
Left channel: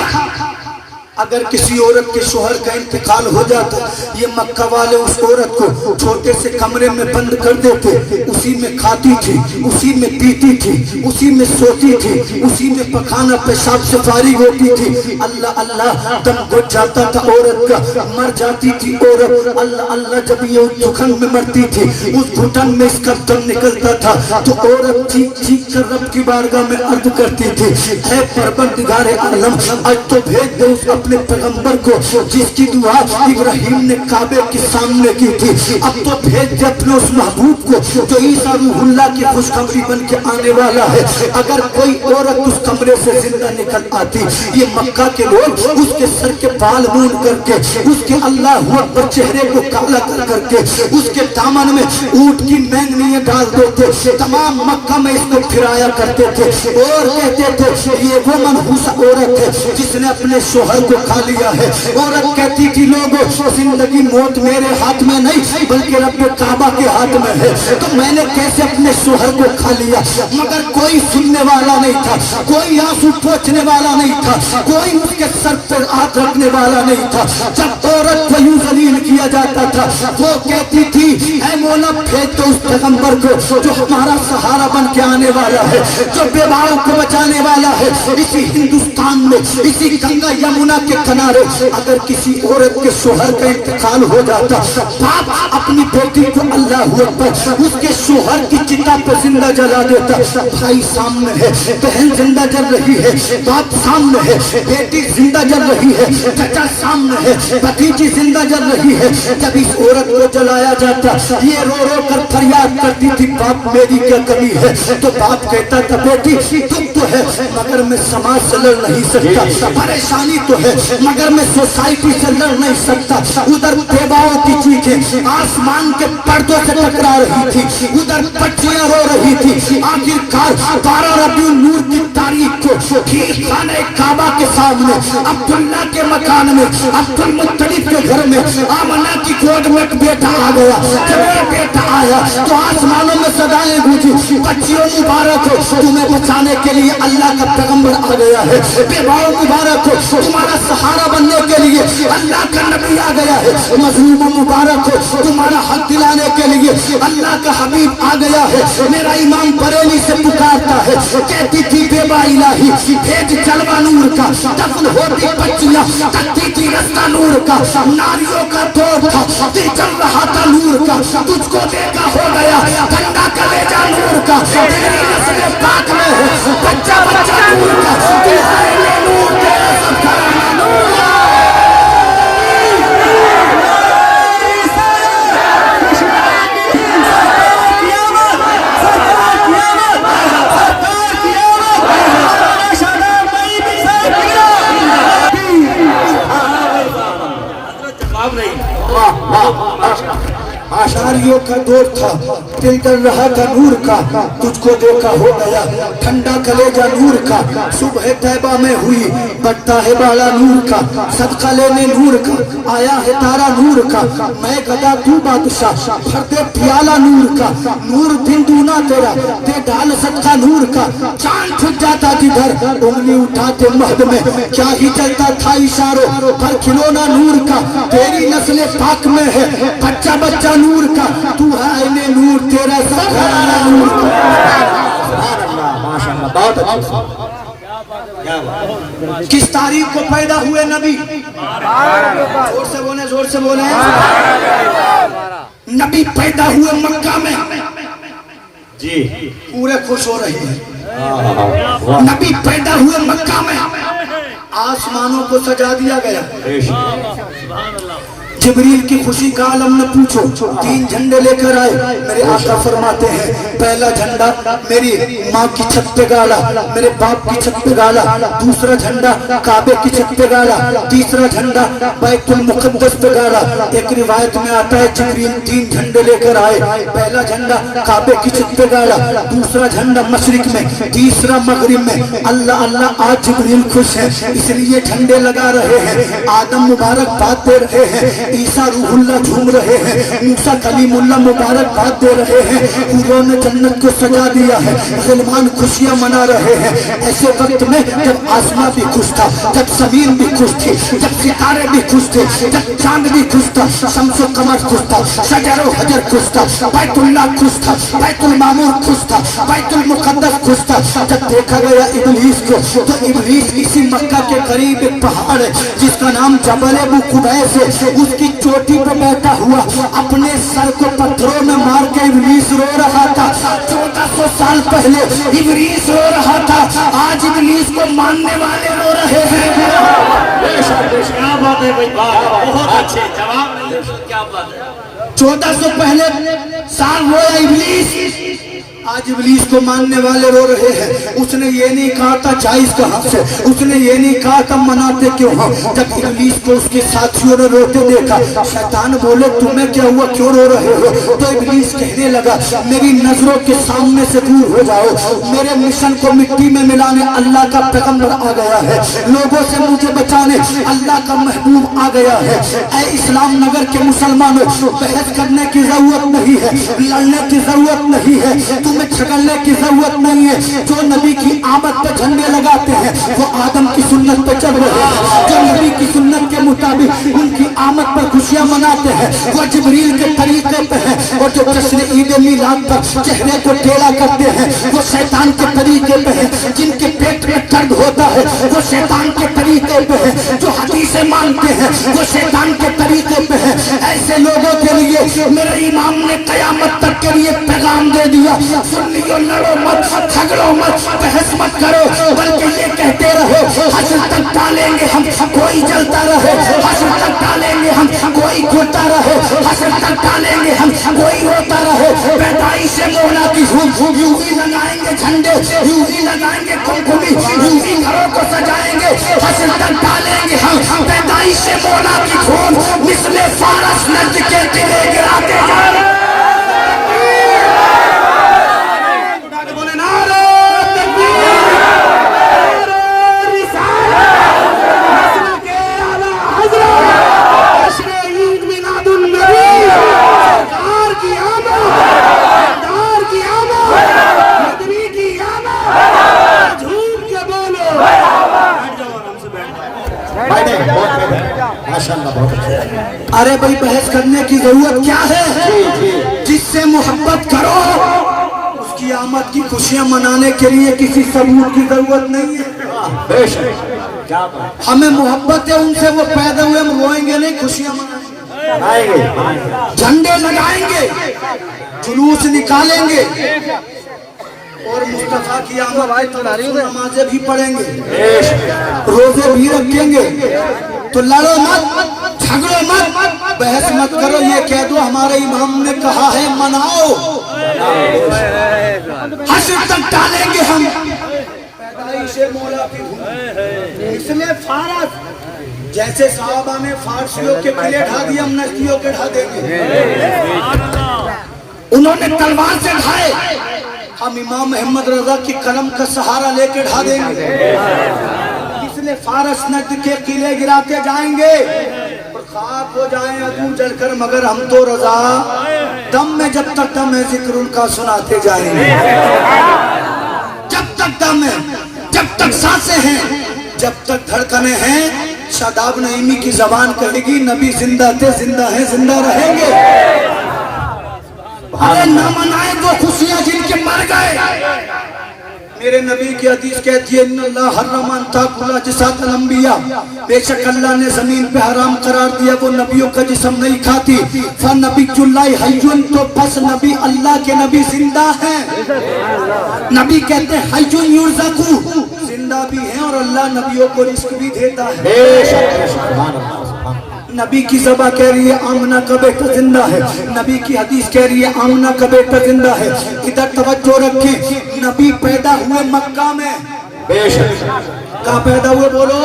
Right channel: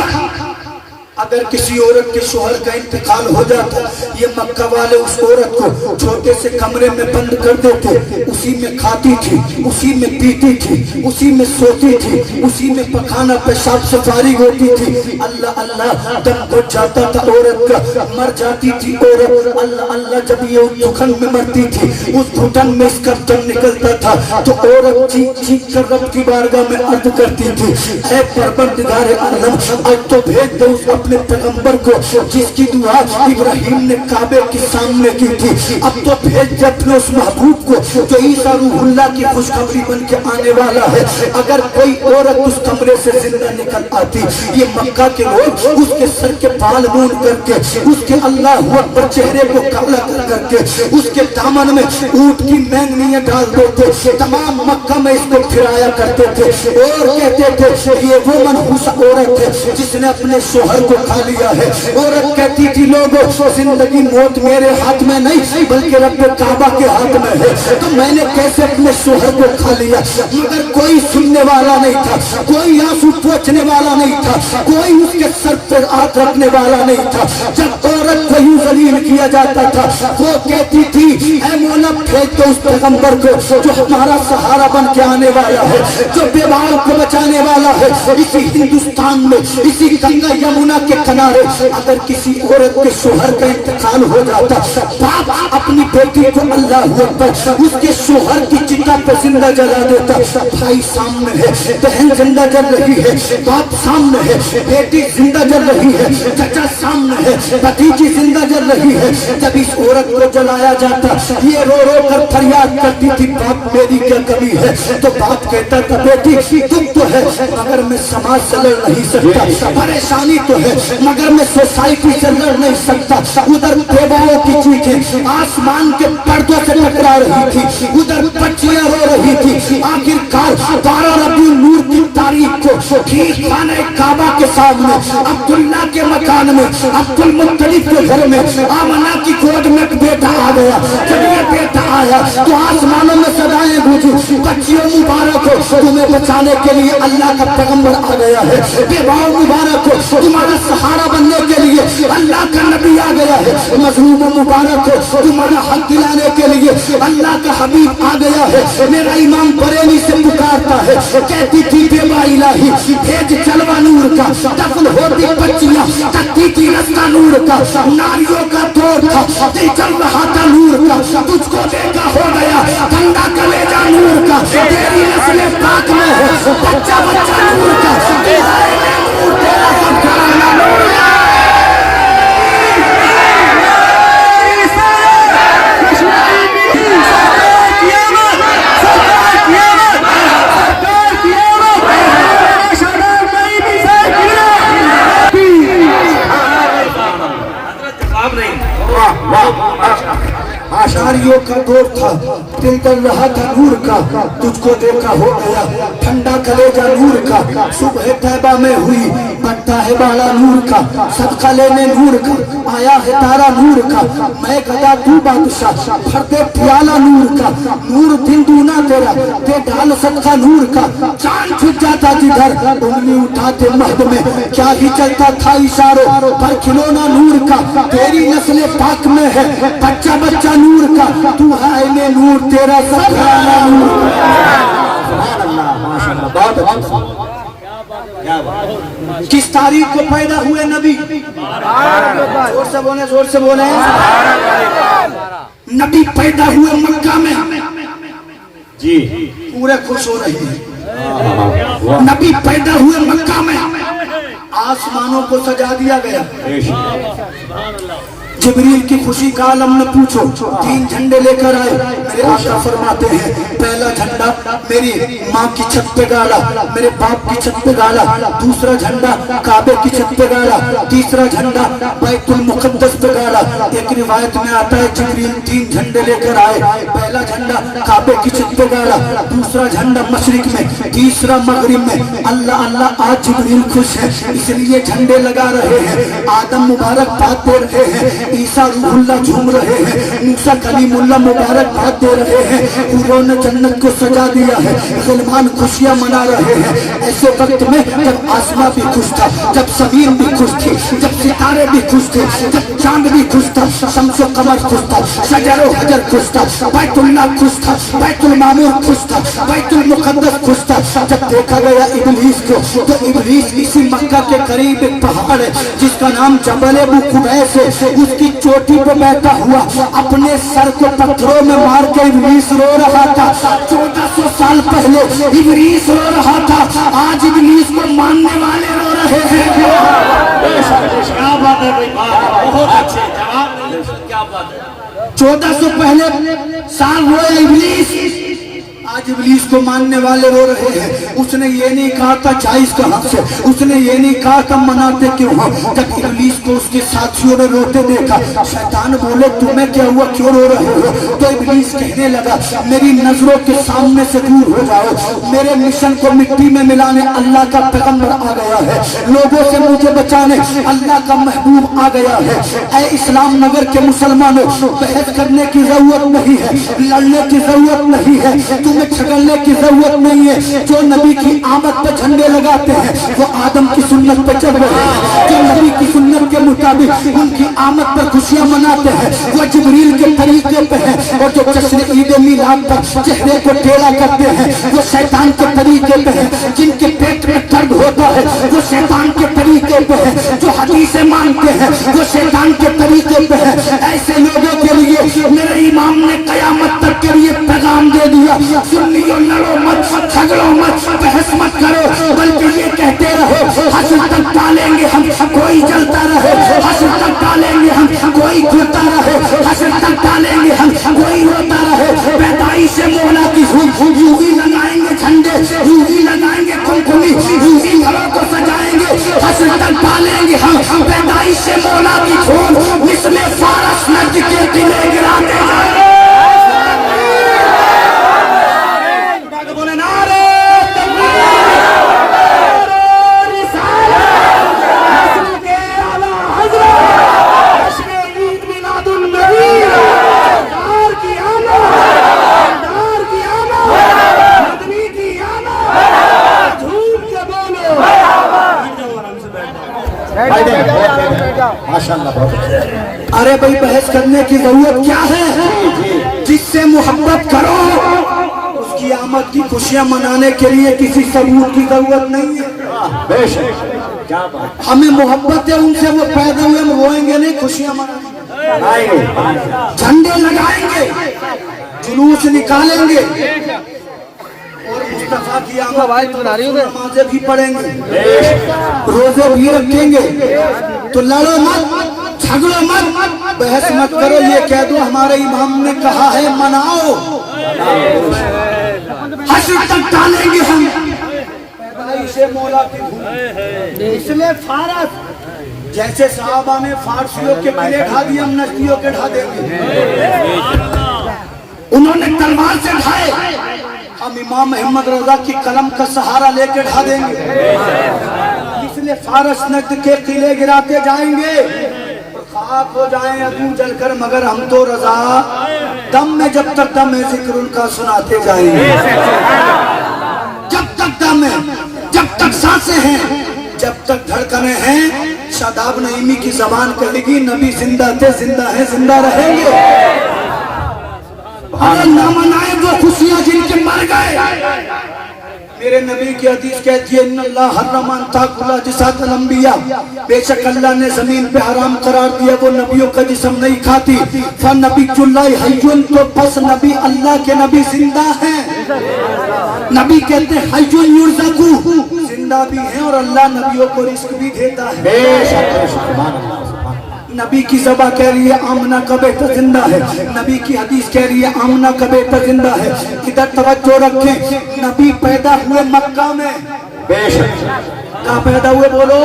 अगर किसी औरत के शोहर का इंतकाल हो जाता, ये मक्का वाले उस औरत को छोटे से कमरे में बंद कर देते, उसी में खाती थी, उसी में पीती थी, उसी में सोती थी, उसी में पखाना पेशाब से फारिग होती थी। अल्लाह अल्लाह, दम घुट जाता था औरत का, मर जाती थी औरत। अल्लाह अल्लाह, जब ये घुटन में मरती थी, उस घुटन में इसका दम निकलता था तो औरत चीख चीख कर रब की बारगाह में अर्ज करती थी, ऐ परवरदिगार आलम, आज तो भेज दो उस अपने पैगंबर को जिसकी दुआ इब्राहिम ने काबे के सामने की थी। अब तो भेज दे अपने उस महबूब को जो ईसा रूहुल्लाह की खुशखबरी बन के आने वाला है। अगर कोई औरत उस कमरे से जिंदा निकल आती, ये मक्का के लोग उसके सर के बाल मूंड करके, उसके अल्लाह अकबर चेहरे को काला कर करके, उसके दामन में ऊंट की मैंगनियां डाल देते, तमाम मक्का में इसको फिराया करते थे और कहते थे ये वो मनहूस औरत है जिसने अपने शोहर को खा लिया है। औरत कहती थी, लोगों जिंदगी मौत मेरे हाथ में नहीं बल्कि रब काबा के हाथ में है, तो मैंने कैसे अपने शोहर को खा लिया। मगर कोई सुनने वाला नहीं था, कोई आंसू पोंछने वाला नहीं था, कोई उसके सर पर हाथ रखने वाला नहीं था। जब औरत को यूं जलील किया जाता था, वो कहती थी, ऐ मौला भेज दो उस पैगंबर को जो हमारा सहारा बन के आने वाला है, जो बेवाओं को बचाने वाला है। इसी हिंदुस्तान में, इसी गंगा यमुना के किनारे अगर किसी औरत के शोहर का इंतकाल हो जाता, बाप अपनी बेटी को अल्लाह अकबर उसके शोहर की चिता पे जिंदा जला देता। भाई सामने है, बहन जिंदा जल रही है, बाप सामने है, बेटी जिंदा जल रही है, चाचा सामने है, भतीजी जिंदा जल रही है। जब इस औरत को जलाया जाता, ये रो रो कर फरियाद करती थी, बाप मेरी क्या कमी है। तो बाप कहता था, बेटी दुख तो है मगर मैं समाज से लड़ नहीं सकता, परेशानी तो है है, मगर मैं सोसाइटी से लड़ नहीं सकता। उधर बेवाओं की चीखें आसमान के पर्दों से टकरा रही थी, उधर बच्चियां रो रही थी। आखिरकार 12 रबीउल नूर की तारीख को ठीक खाने काबा के सामने अब्दुल्ला के मकान में अब्दुल मुत्तलिब के घर में आमना की गोद में बेटा आ गया। जब ये बेटा आया तो आसमानों में सदाएं गूंजी, बच्चियों मुबारक हो, तुम्हें बचाने के लिए अल्लाह का पैगंबर आ गया है। बेवाओं मुबारक हो, तुम्हारा सहारा बनने के लिए अल्लाह का नबी आ गया है। मजलूम मुबारक हो, तुम्हारा हक दिलाने के लिए अल्लाह का हबीब आ गया है। मेरा इमाम बरेली से पुकारता है, कहती थी बेवा इलाही भेज जलवा नूर का, दफन होती बच्चियां तकती थी रस्ता नूर का, नारियों का दौर था दिल चल रहा था नूर का, तुझको देखा हो गया ठंडा कलेजा नूर का, तेरी नस्ल पाक में हो बच्चा बच्चा नूर का, तू है नूर तेरा सब घराना नूर का। आशारियों का दौर था, दिल कर रहा था नूर का, तुझको देखा हो गया ठंडा कलेजा नूर का। सुबह तैबा में हुई पट्टा है बाड़ा नूर का, सदका लेने नूर का, आया है तारा नूर का। मैं गदा तू बादशाह भर दे प्याला नूर का, नूर दिन दूना तेरा दे डाल सदका नूर का। चांद छुप जाता जिधर उंगली उठाते महद में, क्या ही चलता था इशारों पर खिलौना नूर का। तेरी नस्ल पाक में है बच्चा बच्चा नूर का, तू है नूर तेरा सब घराना नूर का। किस तारीख को पैदा हुए नबी? जोर से बोले, जोर से बोले। नबी पैदा हुए मक्का में जी, पूरे खुश हो रहे हैं। नबी पैदा हुए मक्का में, आसमानों को सजा दिया गया। जिब्रील की खुशी का आलम में पूछो, 3 झंडे लेकर आए। मेरे आका फरमाते हैं, पहला झंडा मेरी माँ की छत पे गाड़ा, मेरे बाप की छत पे गाड़ा, दूसरा झंडा काबे की छत पे गाड़ा, तीसरा झंडा बैतुल मुकद्दस पे गाड़ा। एक रिवायत में आता है जिब्रील 3 झंडे लेकर आए, पहला झंडा काबे की छत पे गाड़ा, दूसरा झंडा मशरिक में, तीसरा मगरिब में। अल्लाह अल्लाह आज जिब्रील खुश है इसलिए झंडे लगा रहे हैं। आदम मुबारक बात दे रहे हैं, ईसा रूहुल्लाह झूम रहे हैं, मूसा कलीमुल्लाह मुबारक बात दे रहे हैं। उन्होंने जन्नत को सजा दिया है, मुसलमान खुशियां मना रहे हैं। ऐसे वक्त में जब आसमां भी खुश था, जब जमीन भी खुश थी, जब सितारे भी खुश थे, जब चांद भी खुश था, शम्सो कमर खुश था, शजरो हजर खुश था, बैतुल्लाह खुश था, बैतुल मामूर खुश था, बैतुल मुकद्दस खुश था। जब देखा गया इब्लीस को, तो इब्लीस इसी मक्का के करीब एक पहाड़ है जिसका नाम जबल अबू कुबैस है, उसकी चोटी पे बैठा हुआ अपने सर को पत्थरों में मार के इब्लीस रो रहा था। 1400 साल पहले इब्लीस रो रहा था, आज इब्लीस को मानने वाले रो रहे हैं। क्या बात है भाई, बहुत अच्छे जवाब, क्या बात है। 1400 पहले साल रोया इब्लीस, आज इब्लीस को मानने वाले रो रहे हैं। उसने ये नहीं कहा था जायज कहां से, उसने ये नहीं कहा था मनाते क्यों हो। जब इब्लीस को उसके साथियों ने रोते देखा, शैतान बोले तुम्हें क्या हुआ, क्यों रो रहे हो। तो इब्लीस कहने लगा मेरी नजरों के सामने से दूर हो जाओ, मेरे मिशन को मिट्टी में मिलाने अल्लाह का पैगंबर आ गया है, लोगों से मुझे बचाने अल्लाह का महबूब आ गया है। ऐ इस्लाम नगर के मुसलमानों, बहस करने की जरूरत नहीं है, लड़ने की जरूरत नहीं है, तुम्हें झगड़ने की जरूरत नहीं है। जो नबी की आमद पर झंडे लगाते हैं वो आदम की सुन्नत पे चल रहे हैं, जो नबी की सुन्नत के मुताबिक उनकी आमद पर खुशियां मनाते हैं वो जिब्रील के तरीके पे है। और जो जश्न ईद मिलाद पर चेहरे को टेढ़ा करते हैं वो शैतान के तरीके पे है। जिनके पेट में दर्द होता है वो शैतान के तरीके पे है, जो हदीसें मानते हैं वो शैतान के तरीके पे है। ऐसे लोगों के लिए मेरे इमाम ने कयामत तक के लिए पैगाम दे दिया, सुन्नियों लड़ो मत, झगड़ो मत, बहस मत करो, बल्कि ये कहते रहो हश्र तक डालेंगे हम, कोई जलता रहे, हश्र तक डालेंगे हम, कोई खुलता रहे, हश्र तक डालेंगे हम, कोई होता रहे। पैदाइश से मोहला की यूं ही लगाएंगे झंडे, यूं ही लगाएंगे कुमकुमी, यूं ही घरों को सजाएंगे, हश्र तक डालेंगे हम, माशाअल्लाह बहुत अच्छा। अरे भाई बहस करने की जरूरत क्या है? जिससे मोहब्बत करो उसकी आमद की खुशियां मनाने के लिए किसी सबूत की जरूरत नहीं है। हमें मोहब्बत है उनसे, वो पैदा हुए हम रोएंगे नहीं, खुशियां मनाएंगे, झंडे लगाएंगे, जुलूस निकालेंगे और मुस्तफा की आमद पर नमाजें भी पढ़ेंगे, रोजे भी रखेंगे। तो लड़ो मत, झगड़ो मत, बहस मत करो, ये कह दो हमारे इमाम ने कहा है मनाओ, हश्र तक डालेंगे हम। पैदाइशे मौला की भूमि, इसलिए फारस जैसे साहबा ने फारसियों के किले ढा दिए, हम नजदियों के ढा देंगे। उन्होंने तलवार से ढाए, हम इमाम अहमद रजा की कलम का सहारा लेके ढा देंगे। इसलिए फारस नजद के किले गिराते जाएंगे और खाक हो जाएं अदू जलकर, मगर हम तो रजा दम में जब तक दम है जिक्र उनका सुनाते जाएंगे। जब तक दम है, जब तक सांसें हैं, जब तक धड़कने हैं, शादाब नईमी की जबान कहेगी नबी जिंदा थे, जिंदा है, जिंदा रहेंगे। अरे ना मनाए वो खुशियां जिनके मर गए। मेरे नबी की हदीस कहती है इन्नल्लाह हर्रमा अन ताकुला जिसातल अंबिया, बेशक अल्लाह ने जमीन पे हराम करार दिया वो नबियों का जिस्म नहीं खाती। फनबियुल्लाहि हय्युन, तो बस नबी अल्लाह के नबी जिंदा हैं। नबी कहते हैं हय्युन युरज़कु, जिंदा भी हैं और अल्लाह नबियों को रिस्क भी देता है। नबी की ज़बा कह रही है आमना का बेटा जिंदा है, नबी की हदीस कह रही है आमना का बेटा जिंदा है। इधर तवज्जो रखें, नबी पैदा हुए मक्का में, कहाँ पैदा हुए बोलो?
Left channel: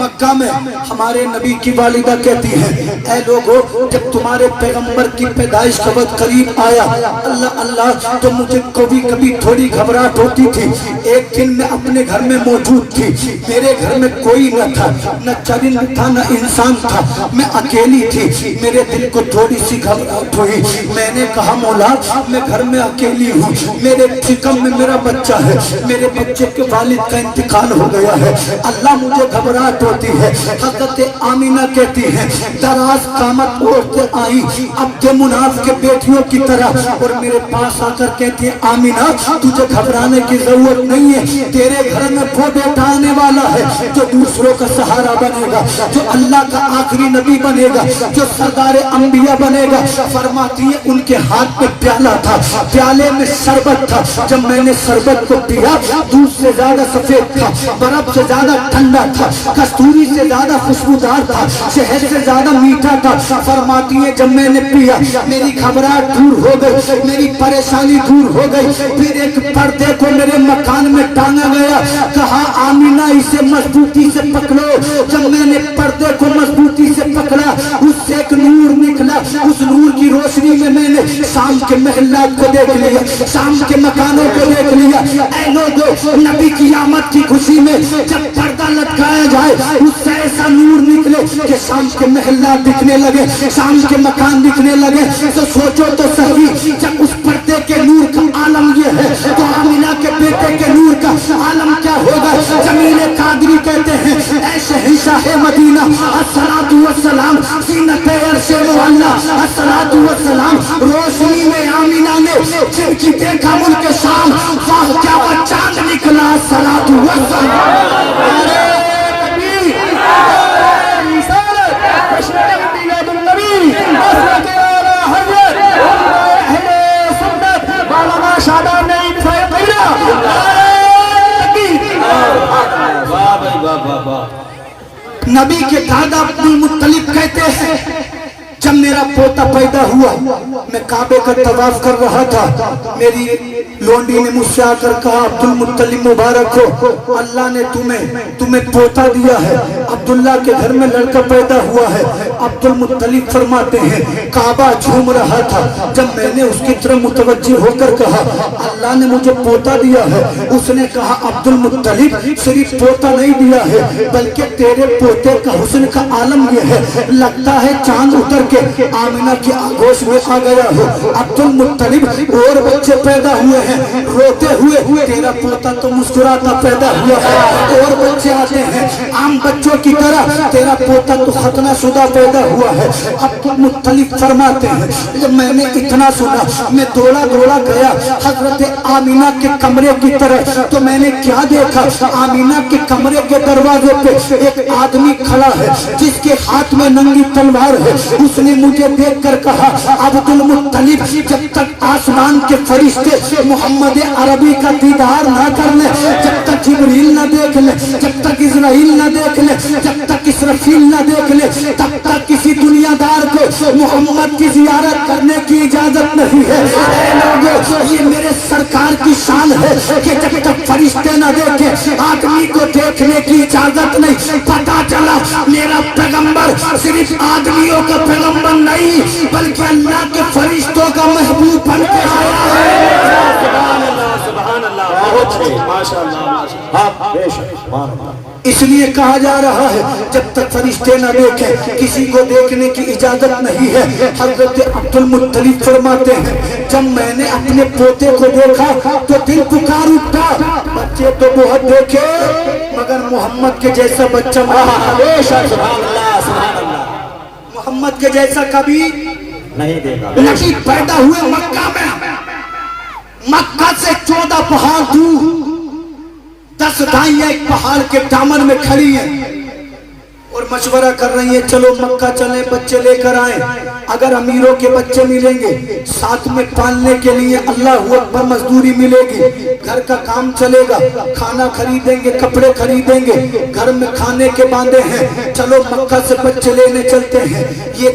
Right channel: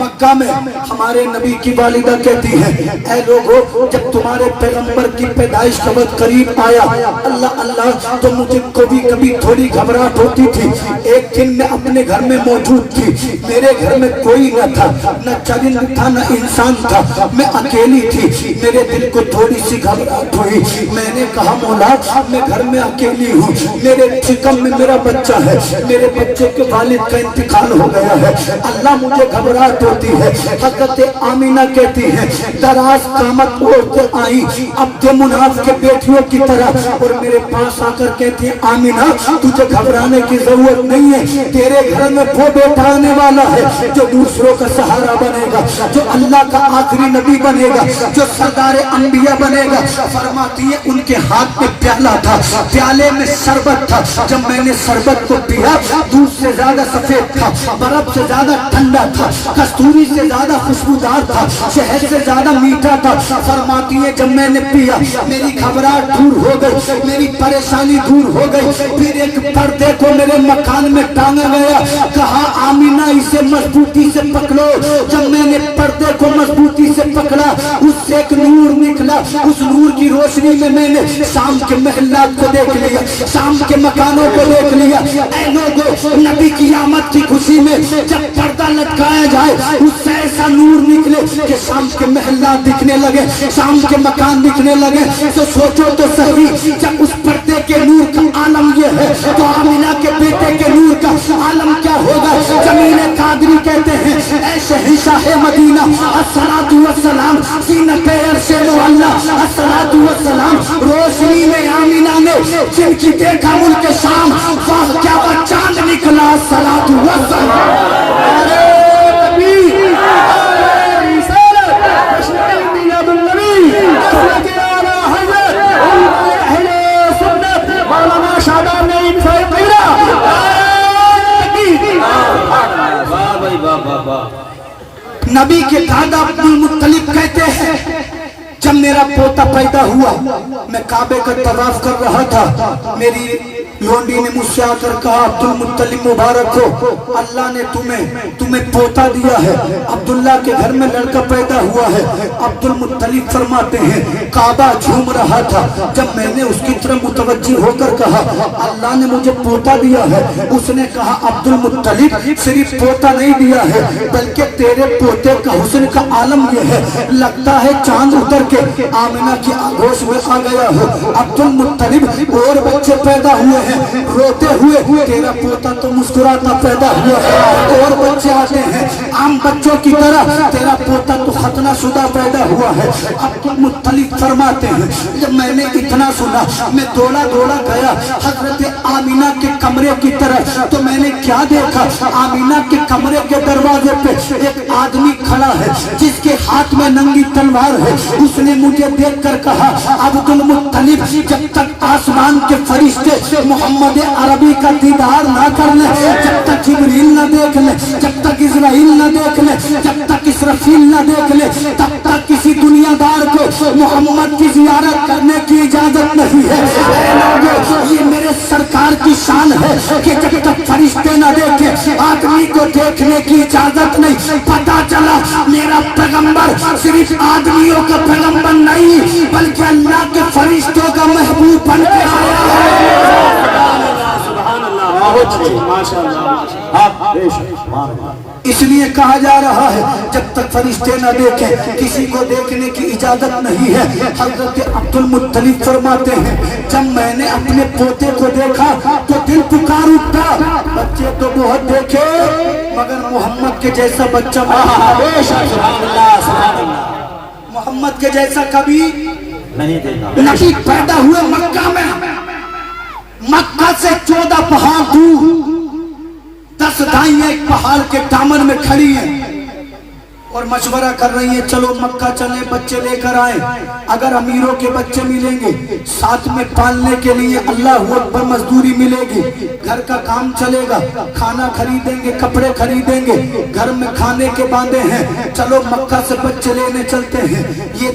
मक्का में। हमारे नबी की वालिदा कहती है ऐ लोगों, जब तुम्हारे पैगंबर की पैदाइश का वक्त करीब आया, अल्लाह अल्लाह तो मुझे कभी कभी थोड़ी घबराहट होती थी। एक दिन मैं अपने घर में मौजूद थी, मेरे घर में कोई न था, न चरिंद था न इंसान था, मैं अकेली थी। मेरे दिल को थोड़ी सी घबराहट हुई, मैंने कहा मौला मैं घर में अकेली हूँ, मेरे चिकम में मेरा बच्चा है, मेरे बच्चे के वालिद का इंतकाल हो गया है, अल्लाह मुझे घबराहट होती है। हज़रत आमीना कहती है दराज कामत औरतें आई अब्दे मुनाफ के बेटियों की तरह और मेरे पास आकर कहती है आमीना तुझे घबराने की जरूरत नहीं है, तेरे घर में वो बेटा आने वाला है जो दूसरों का सहारा बनेगा, जो अल्लाह का आखिरी नबी बनेगा, जो सरदार अंबिया बनेगा। फरमाती है उनके हाथ में प्याला था, प्याले में शरबत था, जब मैंने शरबत को पिया दूध से ज्यादा सफेद था, बर्फ से ज्यादा ठंडा था, कस्तूरी से ज्यादा खुशबूदार था, शहद से ज्यादा मीठा था। फरमाती है जब मैंने पिया मेरी घबराहट दूर हो गई, मेरी परेशानी दूर हो गई। फिर एक पर्दे को मेरे मकान में टांगा गया, कहा आमीना इसे मजबूती से पकड़ो। जब मैंने पर्दे को मजबूती से पकड़ा उससे एक नूर निकला, उस नूर की रोशनी में मैंने शाम के महल्लात को देख लिया, शाम के मकानों को देख लिया। नबी की आमद की खुशी में जब पर्दा लटकाया जाए उससे ऐसा नूर निकले कि शाम के महल्लात दिखने लगे, शाम के मकान दिखने लगे। तो सोचो तो सही, जब उस पर्दे के नूर का आलम ये है तो आमिना के बेटे के नूर का आलम क्या होगा? जमील कादरी कहते हैं ऐ शहंशाह मदीना अस्सलातु वस्सलाम सीनते अर्शे मुअल्ला अस्सलातु वस्सलाम, रोशनी में आमिना ने जिनकी देखा मुल्क शाम, वाह क्या चांद निकला अस्सलातु वस्सलाम। नबी के दादा अब्दुल मुत्तलिब कहते हैं जब मेरा पोता पैदा हुआ मैं काबे का तवाफ कर रहा था, मेरी लोंडी ने मुझसे आकर कहा अब्दुल मुत्तलिब मुबारक हो, अल्लाह ने तुम्हें पोता दिया है, अब्दुल्ला के घर में लड़का पैदा हुआ है। अब्दुल मुत्तलिब फरमाते हैं काबा झूम रहा था, जब मैंने उसकी तरफ मुतवज्जी होकर कहा अल्लाह ने मुझे पोता दिया है, उसने कहा अब्दुल मुत्तलिब सिर्फ पोता नहीं दिया है बल्कि तेरे पोते का हुस्न का आलम यह है, लगता है चांद उतर के आमिना की आगोश में आ गया हो। अब्दुल मुत्तलिब और बच्चे पैदा हुए हैं, रोते हुए तेरा पोता तो मुस्कुराता पैदा हुआ है, और बच्चे आते हैं, आम बच्चों की तरह तेरा पोता तो खतना शुदा पैदा हुआ है। अब्दुल मुत्तलिब फरमाते हैं जब मैंने इतना सुना मैं दौड़ा दौड़ा गया हजरत आमीना के कमरे की तरफ, तो मैंने क्या देखा, आमीना के कमरे के दरवाजे पे एक आदमी खड़ा है जिसके हाथ में नंगी तलवार है। उसने मुझे देखकर कहा अब्दुल मुत्तलिब जब तक आसमान के फरिश्ते मोहम्मद अरबी का दीदार ना कर ले, जब तक जिब्रील न देख ले, जब तक इजराइल न देख ले, जब तक इसराफील न देख ले, तब तक किसी दुनियादार को मोहम्मद की जियारत करने की इजाजत नहीं है। ये मेरे सरकार की शान है कि जब तक फरिश्ते न देखे आदमी को देखने की इजाजत नहीं। पता चला मेरा पैगंबर सिर्फ आदमियों का पैगंबर नहीं बल्कि अल्लाह के फरिश्तों का महबूब बन के आया है। इसलिए कहा जा रहा है जब तक फरिश्ते न देखें किसी को देखने की इजाजत नहीं है। हजरत अब्दुल मुत्तलिब फरमाते हैं जब मैंने अपने पोते को देखा तो दिल पुकार उठा। बच्चे तो बहुत देखे मगर मोहम्मद के जैसा बच्चा मोहम्मद के जैसा कभी नहीं देखा। नबी पैदा हुए मक्का में, मक्का से 14 पहाड़ दूर 10 दाइयां एक पहाड़ के दामन में खड़ी हैं और मशवरा कर रही है चलो मक्का चले बच्चे लेकर आए। अगर अमीरों के बच्चे मिलेंगे साथ में पालने के लिए अल्लाह अकबर मजदूरी मिलेगी, घर का काम चलेगा, खाना खरीदेंगे, कपड़े खरीदेंगे, घर में खाने के बांधे हैं, चलो मक्का से बच्चे लेने चलते हैं। ये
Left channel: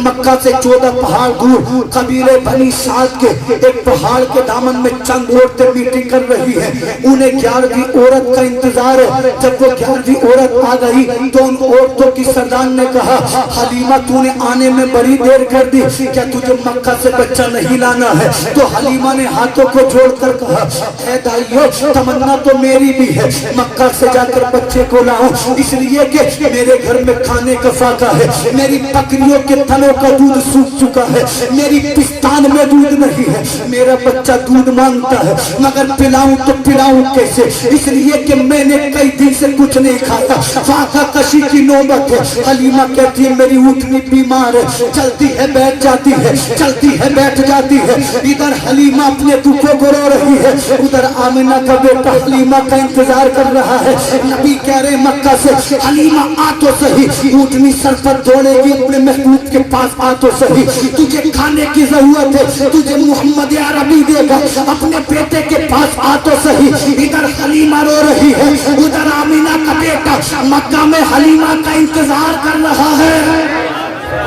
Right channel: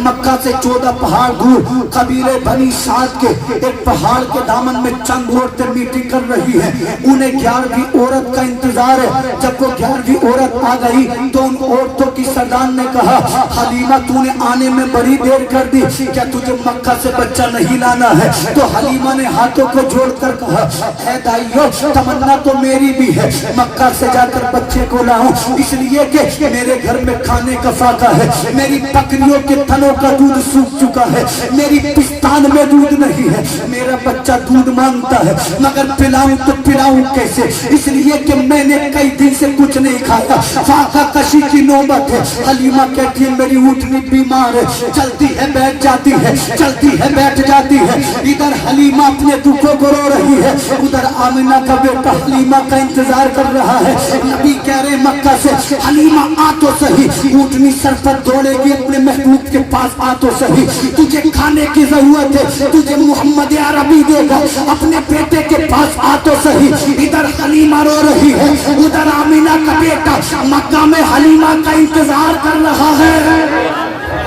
मक्का से 14 पहाड़ दूर कबीले बनी साथ के एक पहाड़ के दामन में चंद औरतें मीटिंग कर रही है। उन्हें 11वीं औरत का इंतजार है। जब वो 11वीं औरत आ गई तो उन औरतों की सरदार ने कहा हलीमा तूने आने में बड़ी देर कर दी, क्या तुझे मक्का से बच्चा नहीं लाना है? तो हलीमा ने हाथों को जोड़कर कहा ऐ दाइयों तमन्ना तो मेरी भी है मक्का से जाकर बच्चे को लाऊं, इसलिए कि मेरे घर में खाने का फाका है, मेरी बकरियों के थनों का दूध सूख चुका है, मेरी पिस्तान में दूध नहीं है, मेरा बच्चा दूध मांगता है मगर पिलाऊं तो पिलाऊं कैसे, इसलिए कि मैंने कई दिन से कुछ नहीं खाया। फाका कशी की नौबत है। हलीमा कहती है मेरी ऊँटनी बीमार है, चलती है बैठ जाती है, चलती है बैठ जाती है। इधर हलीमा अपने दुखों को रो रही है, उधर आमिना का बेटा हलीमा का इंतजार कर रहा है। नबी कह रहे मक्का से हलीमा आ तो सही, ऊँटनी सर पर दौड़ेगी अपने महबूब के पास आ तो सही, तुझे खाने की जरूरत है, तुझे मोहम्मद अरबी देगा, अपने बेटे के पास आ तो सही। इधर हलीमा रो रही है, उधर आमिना का बेटा मक्का में हलीमा का इंतजार कर रहा है।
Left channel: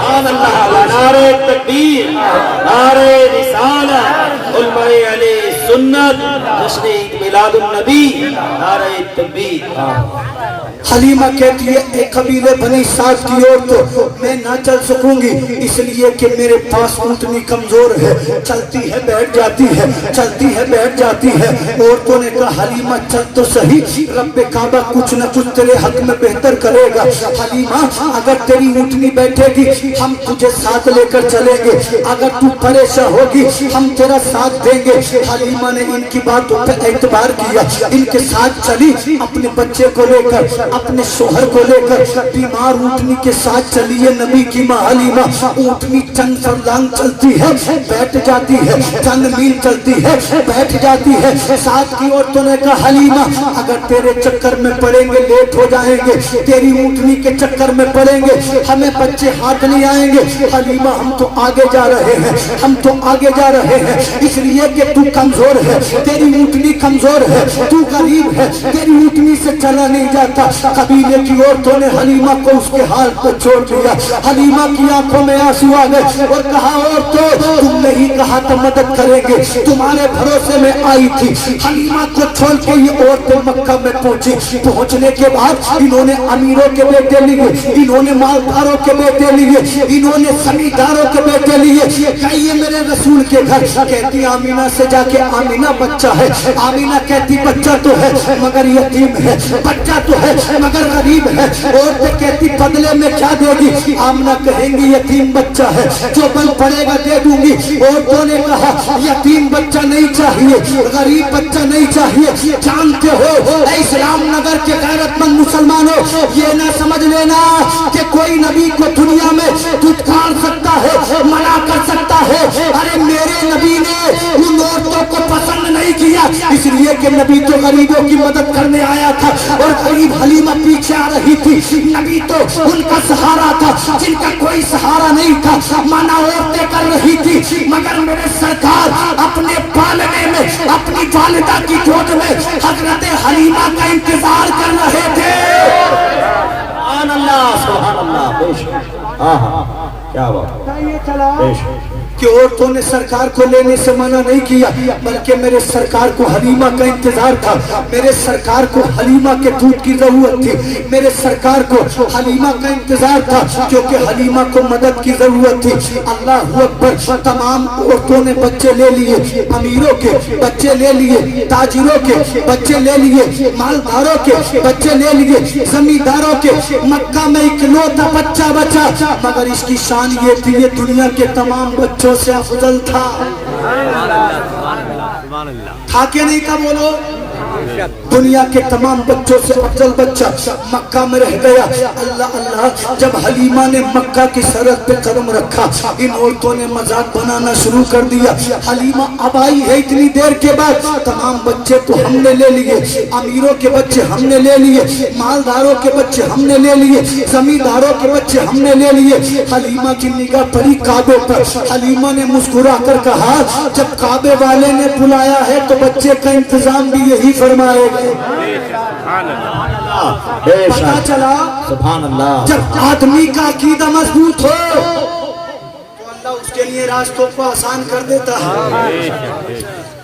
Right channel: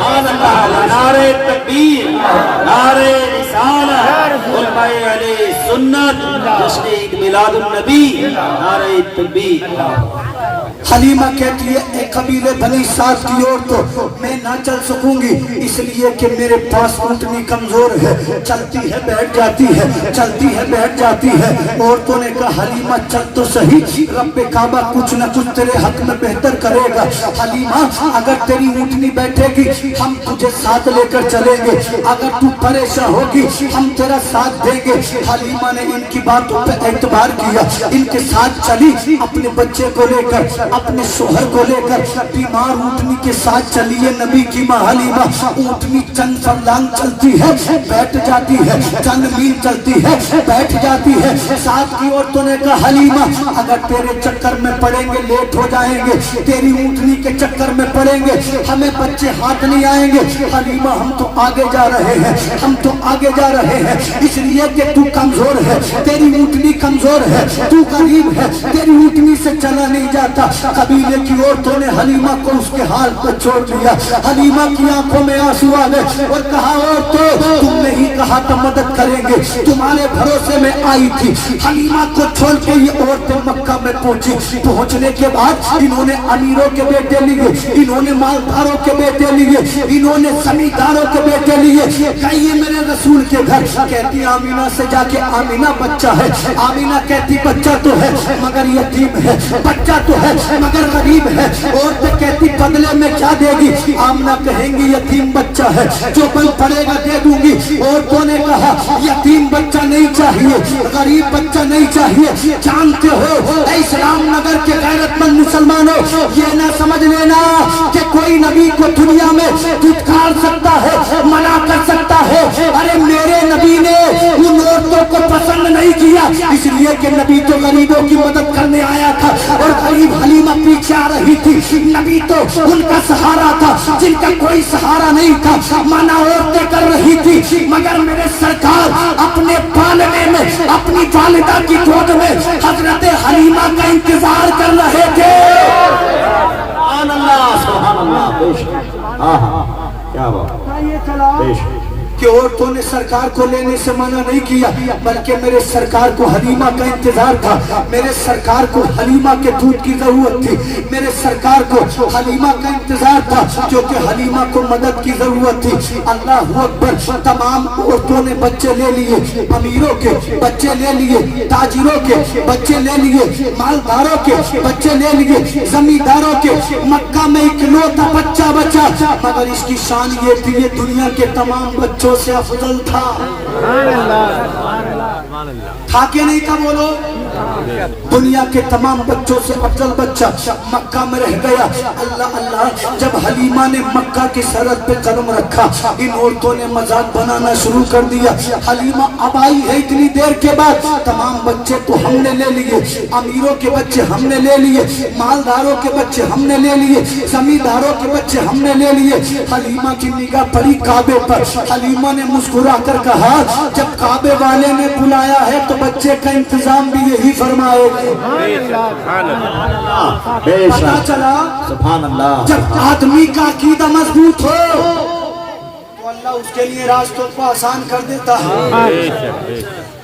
नारे तकबीर, नारे रिसालत, उलमाए अहले सुन्नत, जश्न ईद मिलादुन नबी, नारे तकबीर। हलीमा कहती है एक कबीले बनी साथ की ओर तो मैं ना चल सकूंगी, इसलिए कि मेरे पास ऊँटनी कमजोर है, चलती है बैठ जाती है, चलती है बैठ जाती है। औरतों ने कहा हलीमा चल तो सही, रब्बे काबा कुछ न कुछ तेरे हक में बेहतर करेगा। हलीमा अगर तेरी ऊँटनी बैठेगी हम तुझे साथ लेकर चलेंगे, अगर तू परेशान होगी हम तेरा साथ देंगे। हलीमा ने इनकी बातों पर एतबार किया, इनके साथ चली, अपने बच्चे को लेकर अपने शोहर को लेकर बीमार ऊँटनी के साथ चली है। नबी की माँ हलीमा ऊँटनी चंद फरलांग चलती है बैठ जाती है, चंद मील चलती है बैठ जाती है। साथ की औरतों ने कहा हलीमा अगर तेरे चक्कर में पड़ेंगे लेट हो जाएंगे, तेरी ऊँटनी के चक्कर में पड़ेंगे हमें बच्चे हाथ नहीं आएंगे। हलीमा हम तो आगे जा रहे हैं, हम तो आगे जा रहे हैं, इसलिए कि तू कमजोर है, तेरी ऊँटनी कमजोर है, तू गरीब है, तेरी ऊँटनी से चला नहीं जाता। कबीले की औरतों ने हलीमा को उसके हाल पर छोड़ दिया। हलीमा की आंखों में आंसू आ गए और कहा औरतों तुमने ही कहा था मदद करेंगे, तुम्हारे भरोसे में आई थी। हलीमा को छोड़ के ये औरतें मक्का में पहुंची। पहुंचने के बाद इन्होंने अमीरों के बेटे लिए, इन्होंने मालदारों के बेटे लिए, इन्होंने जमींदारों के बेटे लिए। कहिए मेरे रसूल के घर, कहती आमीना से जाके आमीना बच्चा है, आमीना कहती बच्चा तो है मगर यतीम है, बच्चा तो है मगर गरीब है। और तो कहती बदले में क्या देगी? आमना कहेंगी यतीम बच्चा है, जो बल पड़ेगा दे दूंगी। औरतों ने कहा यतीम बच्चा नहीं चाहिए, गरीब बच्चा नहीं चाहिए। जानते हो इस्लाम नगर के गैरतमंद मुसलमानों, ये ना समझ लेना कि कोई नबी को दुनिया में दुत्कार सकता है, मना कर सकता है। अरे मेरे नबी ने उन औरतों को पसंद नहीं किया, इसलिए कि नबी तो गरीबों की मदद करने आया था और गरीब हलीमा पीछे आ रही थी। नबी तो उनका सहारा था जिनका कोई सहारा नहीं था। मना औरतें कर रही थी, मगर मेरे सरकार अपने पालने में अपनी वालिदा की गोद में हजरत हलीमा का इंतजार कर रहे थे। क्या बात कि औरतों ने सरकार को लेने से मना नहीं किया, बल्कि मेरे सरकार को हलीमा का इंतजार था। मेरे सरकार को हलीमा के दूध की जरूरत थी, मेरे सरकार को हलीमा का इंतजार था, क्योंकि हलीमा को मदद की जरूरत थी। अल्लाह अकबर। तमाम औरतों ने बच्चे ले लिए, अमीरों के बच्चे ले लिए, ताजिरों के बच्चे ले लिए, मालदारों के बच्चे ले लिए, जमींदारों के। मक्का में इकलौता बच्चा बचा, मगर इसकी शान ये थी ये दुनिया के तमाम बच्चों से अफजल था। था कि नहीं था? बोलो। दुनिया के तमाम बच्चों से अफजल बच्चा मक्का में रह गया। अल्लाह अल्लाह। जब हलीमा ने मक्का की सरहद पे कदम रखा, इन औरतों ने मजाक बनाना शुरू कर दिया। हलीमा अब आई है इतनी देर के बाद, तमाम बच्चे तो हमने ले लिए, अमीरों के बच्चे हमने ले लिए, मालदारों के बच्चे हमने ले लिए, जमींदारों के बच्चे हमने ले लिए। हलीमा की निगाह पड़ी काबे पर। हलीमा ने मुस्कुरा कर कहा, जब काबे वाले ने बुलाया है तो बच्चे का इंतजाम भी यही फरमाएगा। पता चला जब आदमी का अकीदा मजबूत हो तो अल्लाह उसके लिए रास्तों को आसान कर देता है,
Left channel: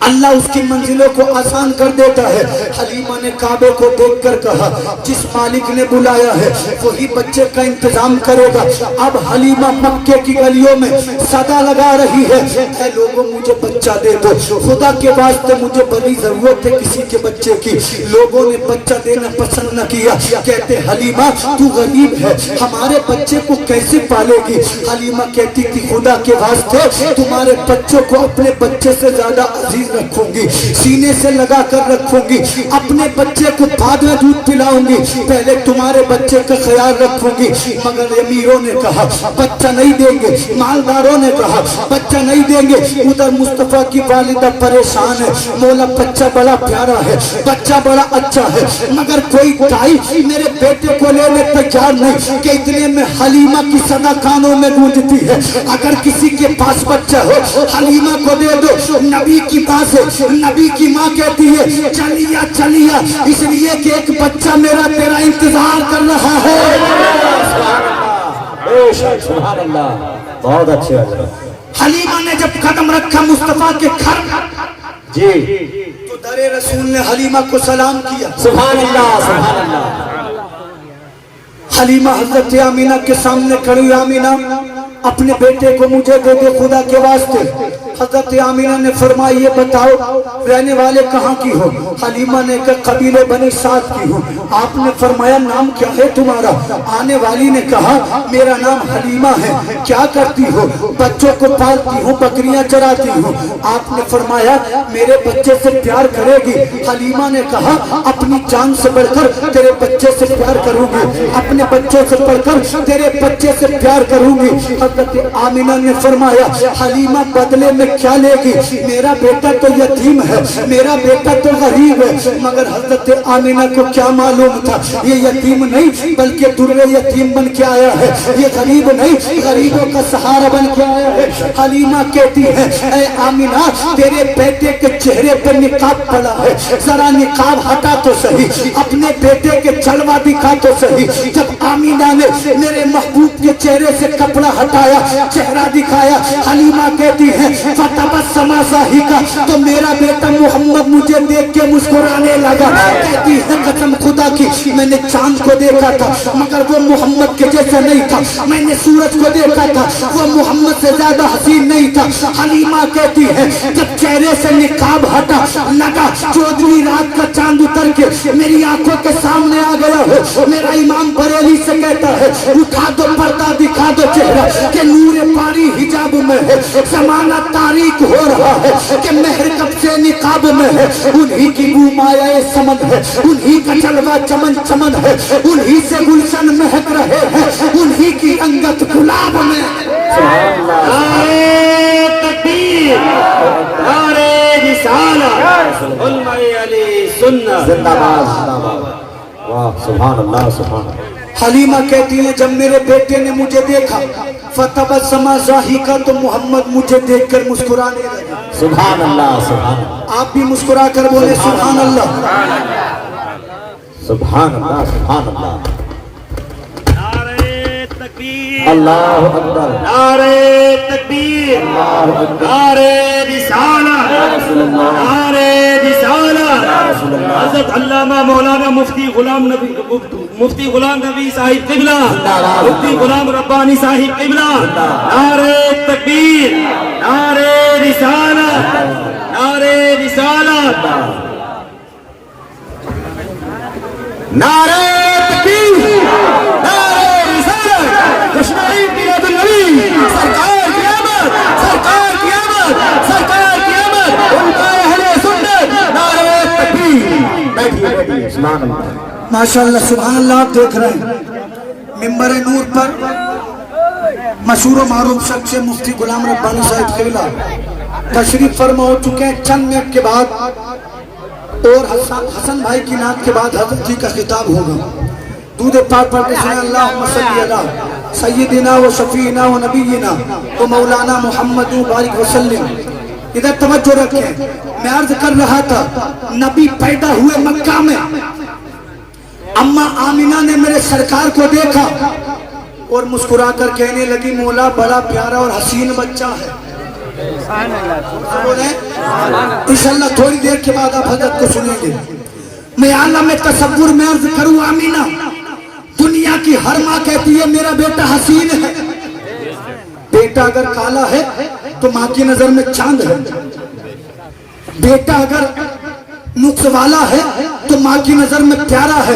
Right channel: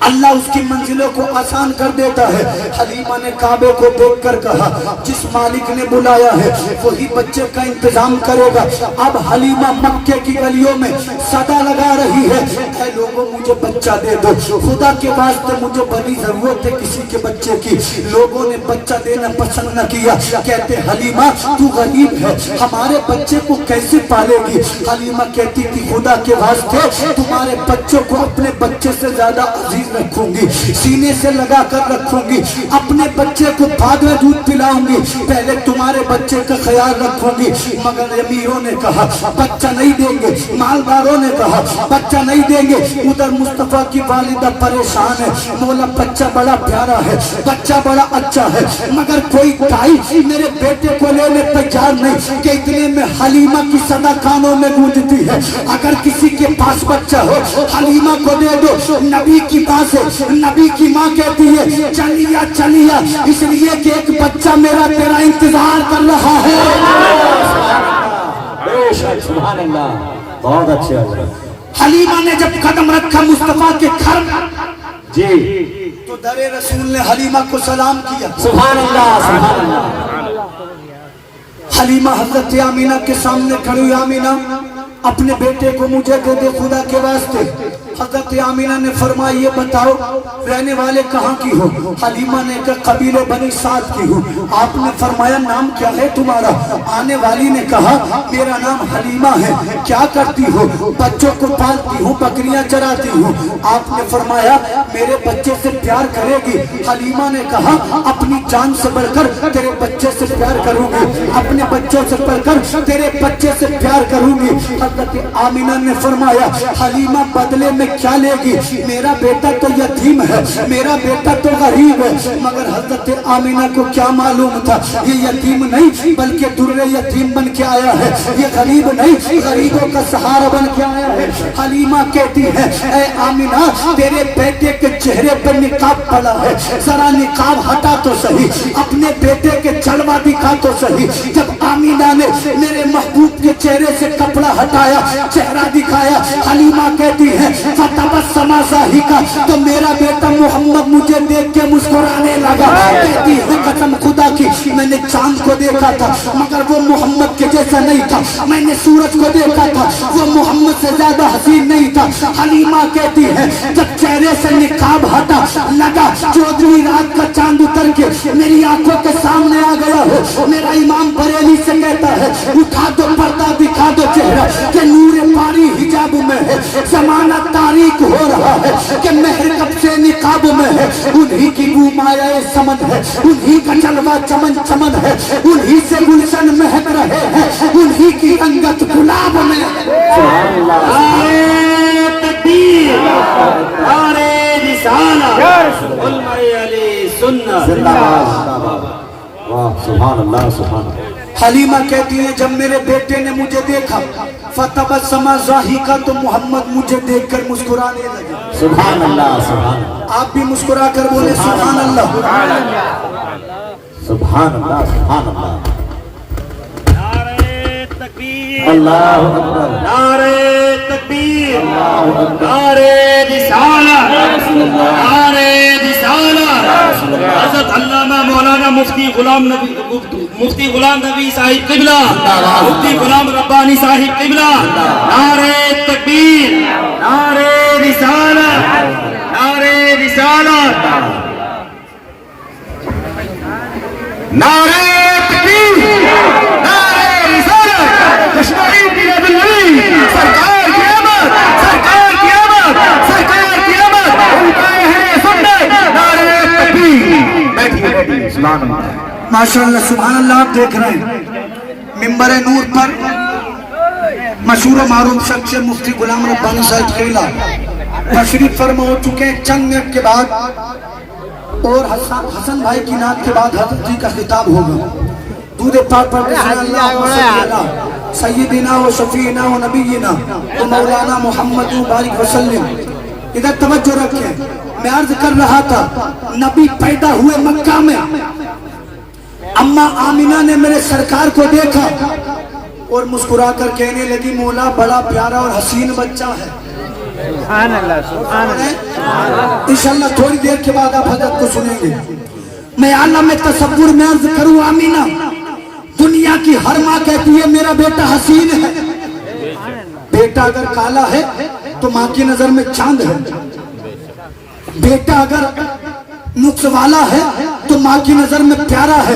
अल्लाह उसकी मंजिलों को आसान कर देता है। हलीमा ने काबे को देखकर कहा, जिस मालिक ने बुलाया है वही बच्चे का इंतजाम करेगा। अब हलीमा मक्के की गलियों में सदा लगा रही है, ऐ लोगों मुझे बच्चा दे दो, खुदा के वास्ते मुझे बड़ी जरूरत है किसी के बच्चे की। लोगों ने बच्चा देना पसंद न किया, कहते हलीमा तू गरीब है, हमारे बच्चे को कैसे पालेगी? हलीमा कहती थी खुदा के वास्ते तुम्हारे बच्चों को अपने बच्चे से ज्यादा अजीज रखूंगी, सीने से लगा कर रखूंगी। अपने बच्चे को बाद में दूध पिलाऊंगी, पहले तुम्हारे बच्चे का ख्याल रखूंगी। मगर अमीरों ने कहा बच्चा नहीं देंगे, मालदारों ने कहा बच्चा नहीं देंगे। उधर मुस्तफा की वालिदा परेशान है, बोला बच्चा बड़ा प्यारा है, बच्चा बड़ा अच्छा है, मगर कोई दाई मेरे बेटे को लेने तैयार नहीं। कि इतने में हलीमा की सदा कानों में गूंजती है, अगर किसी के पास बच्चा हो हलीमा को दे दो। नबी की बात है, नबी की माँ कहती है चलिया चलिया, इसलिए कि एक बच्चा मेरा तेरा इंतजार कर रहा है। बहुत अच्छे। हलीमा ने जब कदम रखा मुस्तफा के घर में जी, तो दरे रसूल ने हलीमा को सलाम किया। सुभान अल्लाह, सुभान अल्लाह। हलीमा हजरत आमीना के सामने खड़ी, आमीना अपने बेटे को मुझे दे दे खुदा के वास्ते। हजरत आमीना ने फरमाया ये बताओ रहने वाले कहाँ की हो? हलीमा ने कहा कबीले बनी साद की हूँ। आपने फरमाया नाम क्या है तुम्हारा? आने वाली ने कहा मेरा नाम हलीमा है। क्या करती हो? बच्चों को पालती हूँ, बकरियां चराती हूँ। आपने फरमाया मेरे बच्चे से प्यार करेगी? हलीमा ने कहा अपनी जान से बढ़कर तेरे बच्चे से प्यार करूंगी, अपने बच्चों से बढ़कर तेरे बच्चे से प्यार करूंगी। हजरत आमीना ने फरमाया हलीमा बदले में क्या लेगी? मेरा बेटा तो यतीम है, मेरा बेटा तो गरीब है। मगर हजरत आमीना को क्या मालूम था ये यतीम नहीं बल्कि दुर्रे यतीम बन के आया है, ये गरीब नहीं गरीबों का सहारा बन के आया है। हलीमा कहती है ऐ आमीना तेरे बेटे के चेहरे पर निकाब पड़ा है, जरा निकाब हटा तो सही, अपने बेटे के जलवा दिखा तो सही। जब आमीना ने मेरे महबूब के चेहरे से कपड़ा हटाया, चेहरा दिखाया, हलीमा कहती है फतबस्समा ज़ाहिका, तो मेरा बेटा बेटा मोहम्मद मुझे देख के मुस्कुराने लगा। कहती है कसम खुदा की मैंने चांद को देखा था मगर वो मोहम्मद के जैसा नहीं था, मैंने सूरज को देखा था वो मोहम्मद से ज्यादा हसीन नहीं था। हलीमा कहती है जब चेहरे से निकाब हटा लगा 14वीं रात का चांद उतर के मेरी आंखों के सामने आ गया हो। मेरा इमाम बरेली से कहता है उठा दो पर्दा दिखा दो चेहरा कि नूरे पारी हिजाब में है, जमाना तारीख हो रहा है कि मेहर कब से निकाब में है। उन्हीं की बू माया समझ है, उन्हीं का जलवा चमन चमन है, उन्हीं से गुलशन महक रहे हैं, उन्हीं की अंगत गुलाब में। नारे तकबीर, नारे रिसालत, उम्मत अली सुन्नत जिंदाबाद। वाह सुभान अल्लाह सुभान अल्लाह। हलीमा कहती है जब मेरे बेटे ने मुझे देखा फतबस्समा ज़ाहिका तो मोहम्मद मुझे देखकर मुस्कुराने लगे। सुभान अल्लाह सुभान अल्लाह। आप भी मुस्कुरा कर बोले सुभान अल्लाह सुभान अल्लाह सुभान अल्लाह। नारे तकबीर अल्लाहु अकबर, नारे तकबीर नारे रिसालत, नारे रिसालत। हज़रत अल्लामा मौलाना मुफ्ती गुलाम नबी साहिब क़िबला, मुफ्ती गुलाम रब्बानी साहिब क़िबला। नारे तकबीर, नारे रिसालत, नारे रिसालत, नारे तकबीर, नारे रिसालत। कश्मीर की नबी सरकार की आमद, सरकार की आमद, सरकार की आमद। उम्मत अहले सुन्नत नारे तकबीर। बैठिए बैठिए सुभान अल्लाह माशाअल्लाह सुभान अल्लाह। आप देख रहे हैं मिंबर नूर पर मशहूर मारूफ शख्स मुफ्ती गुलाम रब्बानी साहिब क़िबला तशरीफ फरमा हो चुके हैं। चंद मिनट के बाद और हसन भाई की नात के बाद हज़रत जी का खिताब होगा। दूध पाक पढ़ के सय्यदना व शफीना व नबीना व मौलाना मुहम्मद बारिक वसल्लम। इधर तवज्जो रखें, मैं अर्ज कर रहा था नबी पैदा हुए मक्का में, अम्मा आमिना ने मेरे सरकार को देखा और मुस्कुरा कर कहने लगी मौला बड़ा प्यारा और हसीन बच्चा है। इंशाअल्लाह थोड़ी देर के बाद आप हज़रत को सुनेंगे। मैं आलम तसव्वुर में अर्ज करूं आमीना, दुनिया की हर माँ कहती है मेरा बेटा हसीन है। बेटा अगर काला है तो माँ की नजर में चांद है, बेटा अगर नुक्स वाला है तो माँ की नजर में प्यारा है।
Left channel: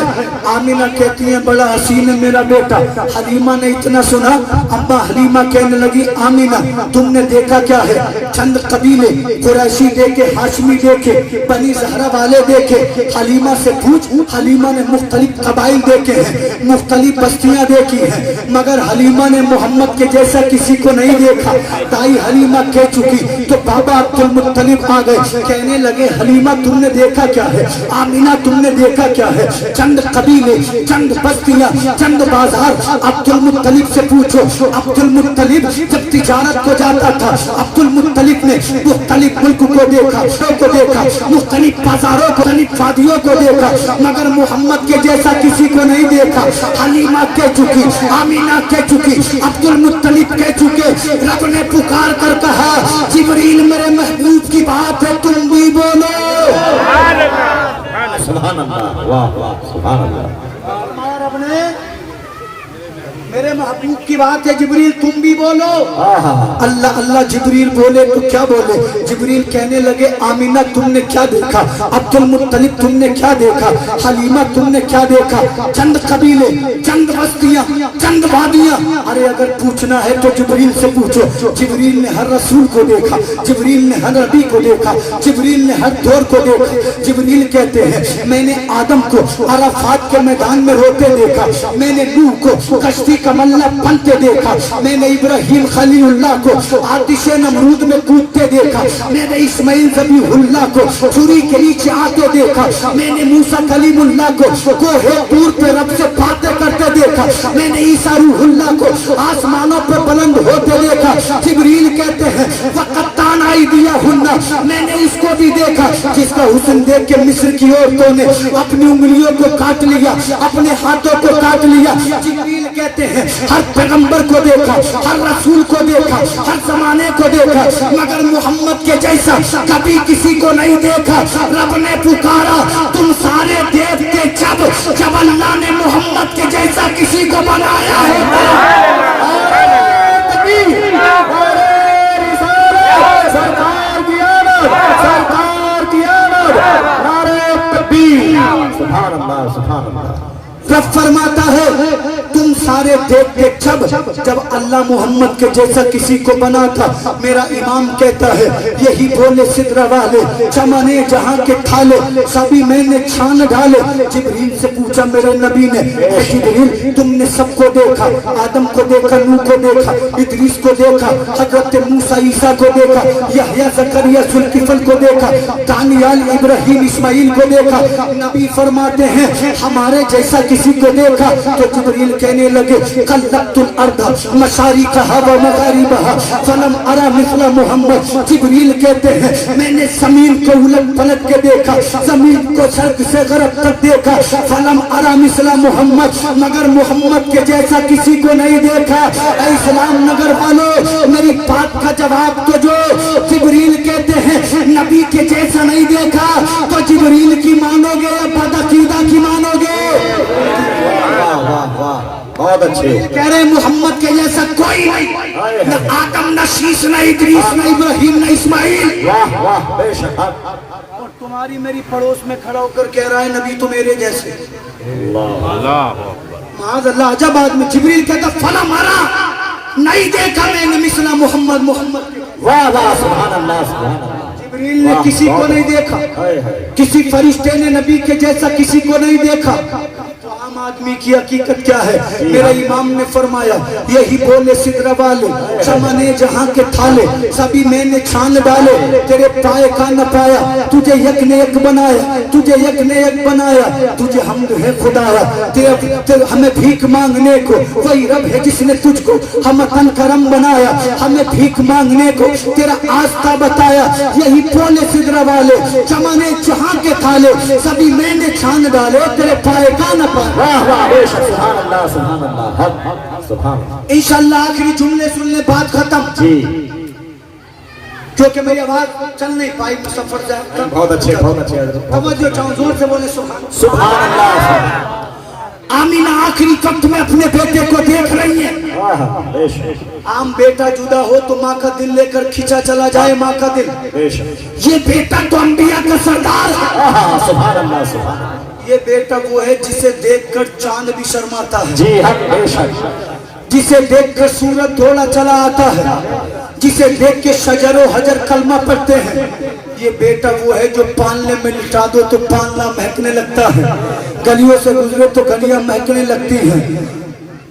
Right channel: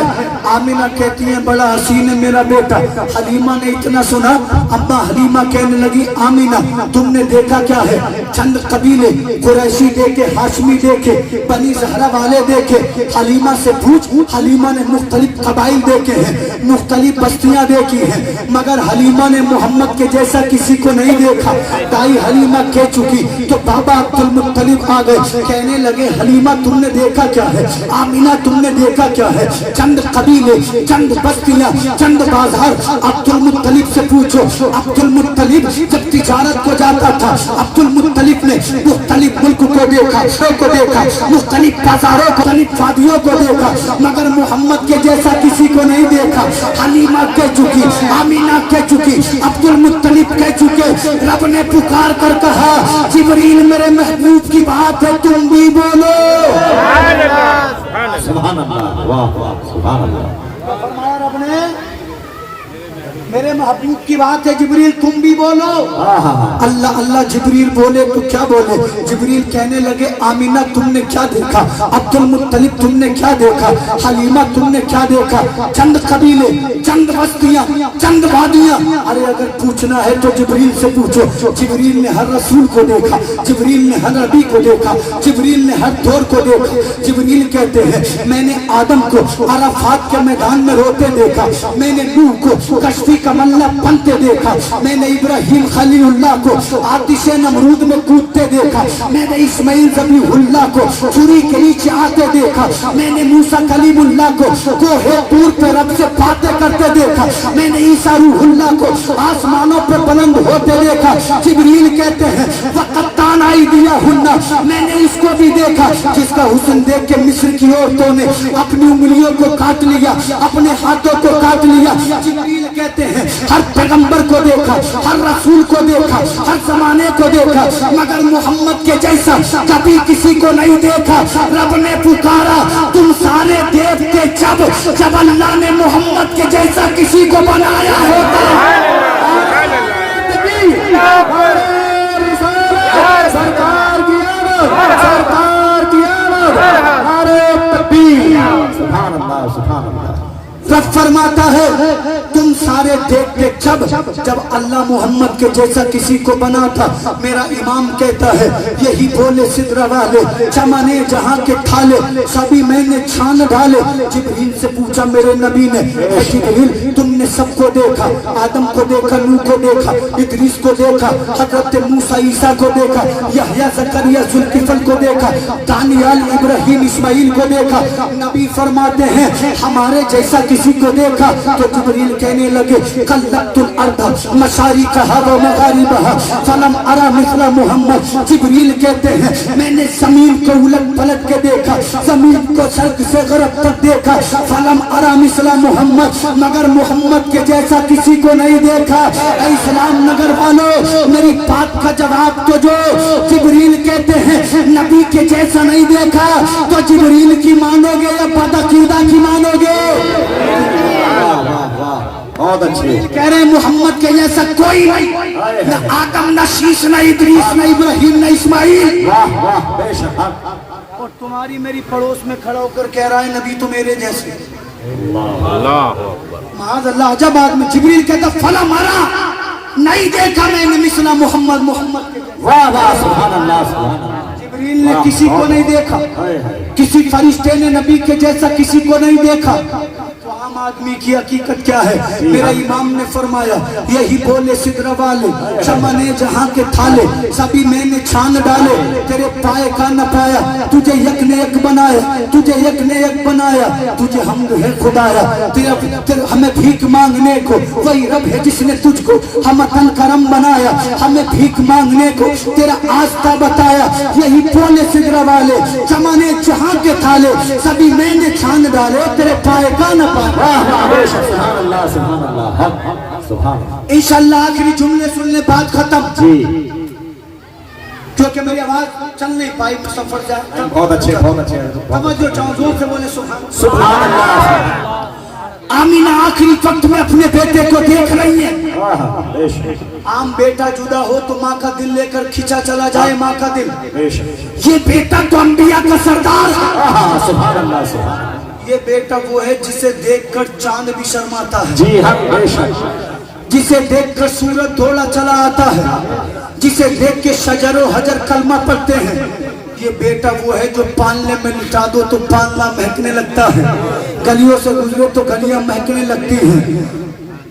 आमीना कहती है बड़ा हसीन है मेरा बेटा। हलीमा ने इतना सुना, अम्मा हलीमा कहने लगी आमीना तुमने देखा क्या है? चंद कबीले कुरैशी देखे, हाशमी देखे, बनी ज़हरा वाले देखे। हलीमा से पूछ, हलीमा ने मुख्तलिफ कबाइल देखे हैं, मुख्तलिफ बस्तियां देखी हैं, मगर हलीमा ने मोहम्मद के जैसा किसी को नहीं देखा। ताई हलीमा कह चुकी तो बाबा अब्दुल मुत्तलिब आ गए, कहने लगे हलीमा तुमने देखा क्या है? आमीना तुमने देखा क्या है? चंद कबीले, चंद बस्तियां, चंद बाजार। अब्दुल मुत्तलिब से पूछो, अब्दुल मुत्तलिब जब तिजारत को जाता था, अब्दुल मुत्तलिब ने मुख्तलिफ मुल्क को देखा, मुख्तलिफ बाजारों को, मुख्तलिफ वादियों को देखा, मगर मोहम्मद के जैसा किसी को नहीं देखा। हलीमा कह चुकी, आमीना कह चुकी, अब्दुल मुत्तलिब कह चुके। रब ने पुकार कर कहा जिब्रील मेरे महबूब की बात है तुम भी बोलो। सुभान अल्लाह, वाह वाह सुभान अल्लाह। फरमाया रब ने मेरे महबूब की बात है जिब्रील तुम भी बोलो। अल्लाह अल्लाह जिब्रील बोले तो क्या बोले? जिब्रील कहने लगे आमीना तुमने क्या देखा? अब्दुल मुत्तलिब तुमने क्या देखा? हलीमा तुमने क्या देखा? चंद कबीले, चंद बस्तियां, चंद वादियां। अरे अगर पूछना है तो जिब्रील से पूछो। जिब्रील ने हर रसूल को देखा, जिब्रील ने हर नबी को देखा, जिब्रील ने हर दौर को देखा। जिब्रील कहते हैं मैंने आदम को अराफात के मैदान में रोते देखा, मैंने नूह को कश्ती का मल्ला बनते देखा, मैंने इब्राहिम खलीलुल्लाह को आतिशे नमरूद में कूदते देखा, मैंने इस्माइल ज़बीहुल्लाह को छुरी के नीचे आते देखा, मैंने मूसा कलीमुल्लाह को कोहे तूर पे रब से बातें करते देखा, मैंने ईसा रूहुल्लाह को आसमानों पर बुलंद होते देखा। जिब्रील कहते हैं वक़त्तान आइदियाहुन्ना, मैंने उसको भी देखा जिसका हुस्न देख के मिस्र की औरतों ने अपनी उंगलियों को काट लिया, अपने हाथों को काट लिया। जिब्रील कहते हैं हर पैगंबर को देखा, हर रसूल को देखा, हर जमाने को देखा, मगर मोहम्मद के کے جیسا کبھی کسی کو نہیں دیکھا. رب نے پکارا تم سارے دیکھتے جب اللہ نے محمد کے جیسا کسی کو بنایا ہے. سرکار کی آمد، سرکار کی آمد، نعرہ تکبیر. سبحان اللہ سبحان اللہ. رب فرماتا ہے تم سارے دیکھتے جب اللہ محمد کے جیسا کسی کو بنا تھا. میرا امام کہتا ہے یہی بولے سدرہ والے چمنے جہاں کے کھالے سبھی میں نے چھان ڈھالے. جبریل سے پوچھا میرے نبی نے اے جبریل تم نے سب کو دیکھا، آدم کو دیکھا، نوح کو دیکھا، ادریس کو دیکھا، حضرت موسیٰ عیسیٰ کو دیکھا، یحییٰ زکریا ذوالکفل کو دیکھا، دانیال ابراہیم اسماعیل کو دیکھا. نبی فرماتے ہیں ہمارے جیسا کسی کو دیکھا. تو جبریل کہنے لگے قلبت الارض مشارقها ومغاربها فلم ارى مثل محمد. جبریل کہتے ہیں میں نے زمین کو الٹ پلٹ کے دیکھا، زمین کو شرق سے غرب تک دیکھا. فلم ارى مثل محمد، مگر محمد کے جیسا کسی کو نہیں دیکھا. اے اسلام نگر والوں میری بات کا جواب تو جو جبریل کہتے ہیں نبی کے جیسا نہیں دیکھا تو جبریل کی مانو گے یا بدعقیدہ کی مانو گے؟ بہت اچھے کہہ رہے محمد کے جیسا کوئی نہیں، نہ آدم نہ شیش نہ ادریس نہ ابراہیم نہ اسماعیل. اور تمہاری میری پڑوس میں کھڑا ہو کر کہہ رہا ہے نبی تو میرے جیسے. معاذ اللہ عجب آدمی. جبریل کہتا فلا مارا نہیں دیکھا میں نے مثل محمد. محمد جبریل نے کسی کو نہیں دیکھا، کسی فرشتے نے نبی کے جیسا کسی کو نہیں دیکھا. آدمی کی حقیقت کیا ہے؟ میرا امام نے فرمایا یہی بولے سدرہ والے چمنے جہاں کے تھالے سبھی میں نے چھان ڈالے. تیرے پائے کا نہ پایا تجھے یک نے یک بنایا، تجھے یک نے یک بنایا. تجھے حمد ہے خدایا ہمیں بھیک مانگنے کو، وہی رب ہے جس نے تجھ کو ہمتن کرم بنایا. ہمیں بھیک مانگنے کو تیرا آستہ بتایا. یہی بولے سدرہ والے چمنے جہاں کے تھالے سبھی میں نے چھان ڈالے. تیرے پائے کا نہ پایا. سبحان اللہ سبحان اللہ سبحان اللہ. انشاءاللہ آخری جملے سن لے بات ختم. کیونکہ میری آواز چل نہیں پائی مسافر سے. بہت اچھے بہت اچھے. توجہ چاہوں زور سے بولے سبحان اللہ. آمینہ آخری وقت میں اپنے بیٹے کو دیکھ رہی ہیں. عام بیٹا جدا ہو تو ماں کا دل لے کر کھینچا چلا جائے ماں کا دل. یہ بیٹا تو انبیاء کا سردار ہے. سبحان اللہ سبحان اللہ. یہ بیٹا وہ ہے جسے دیکھ کر چاند بھی شرماتا ہے، جی ہاں، جسے دیکھ کر سورج دوڑا چلا آتا ہے، جسے دیکھ کے شجر و حجر کلمہ پڑھتے ہیں. یہ بیٹا وہ ہے جو پالنے میں لٹا دو تو پالنا مہکنے لگتا ہے، گلیوں سے گزرے تو گلیاں مہکنے لگتی ہیں.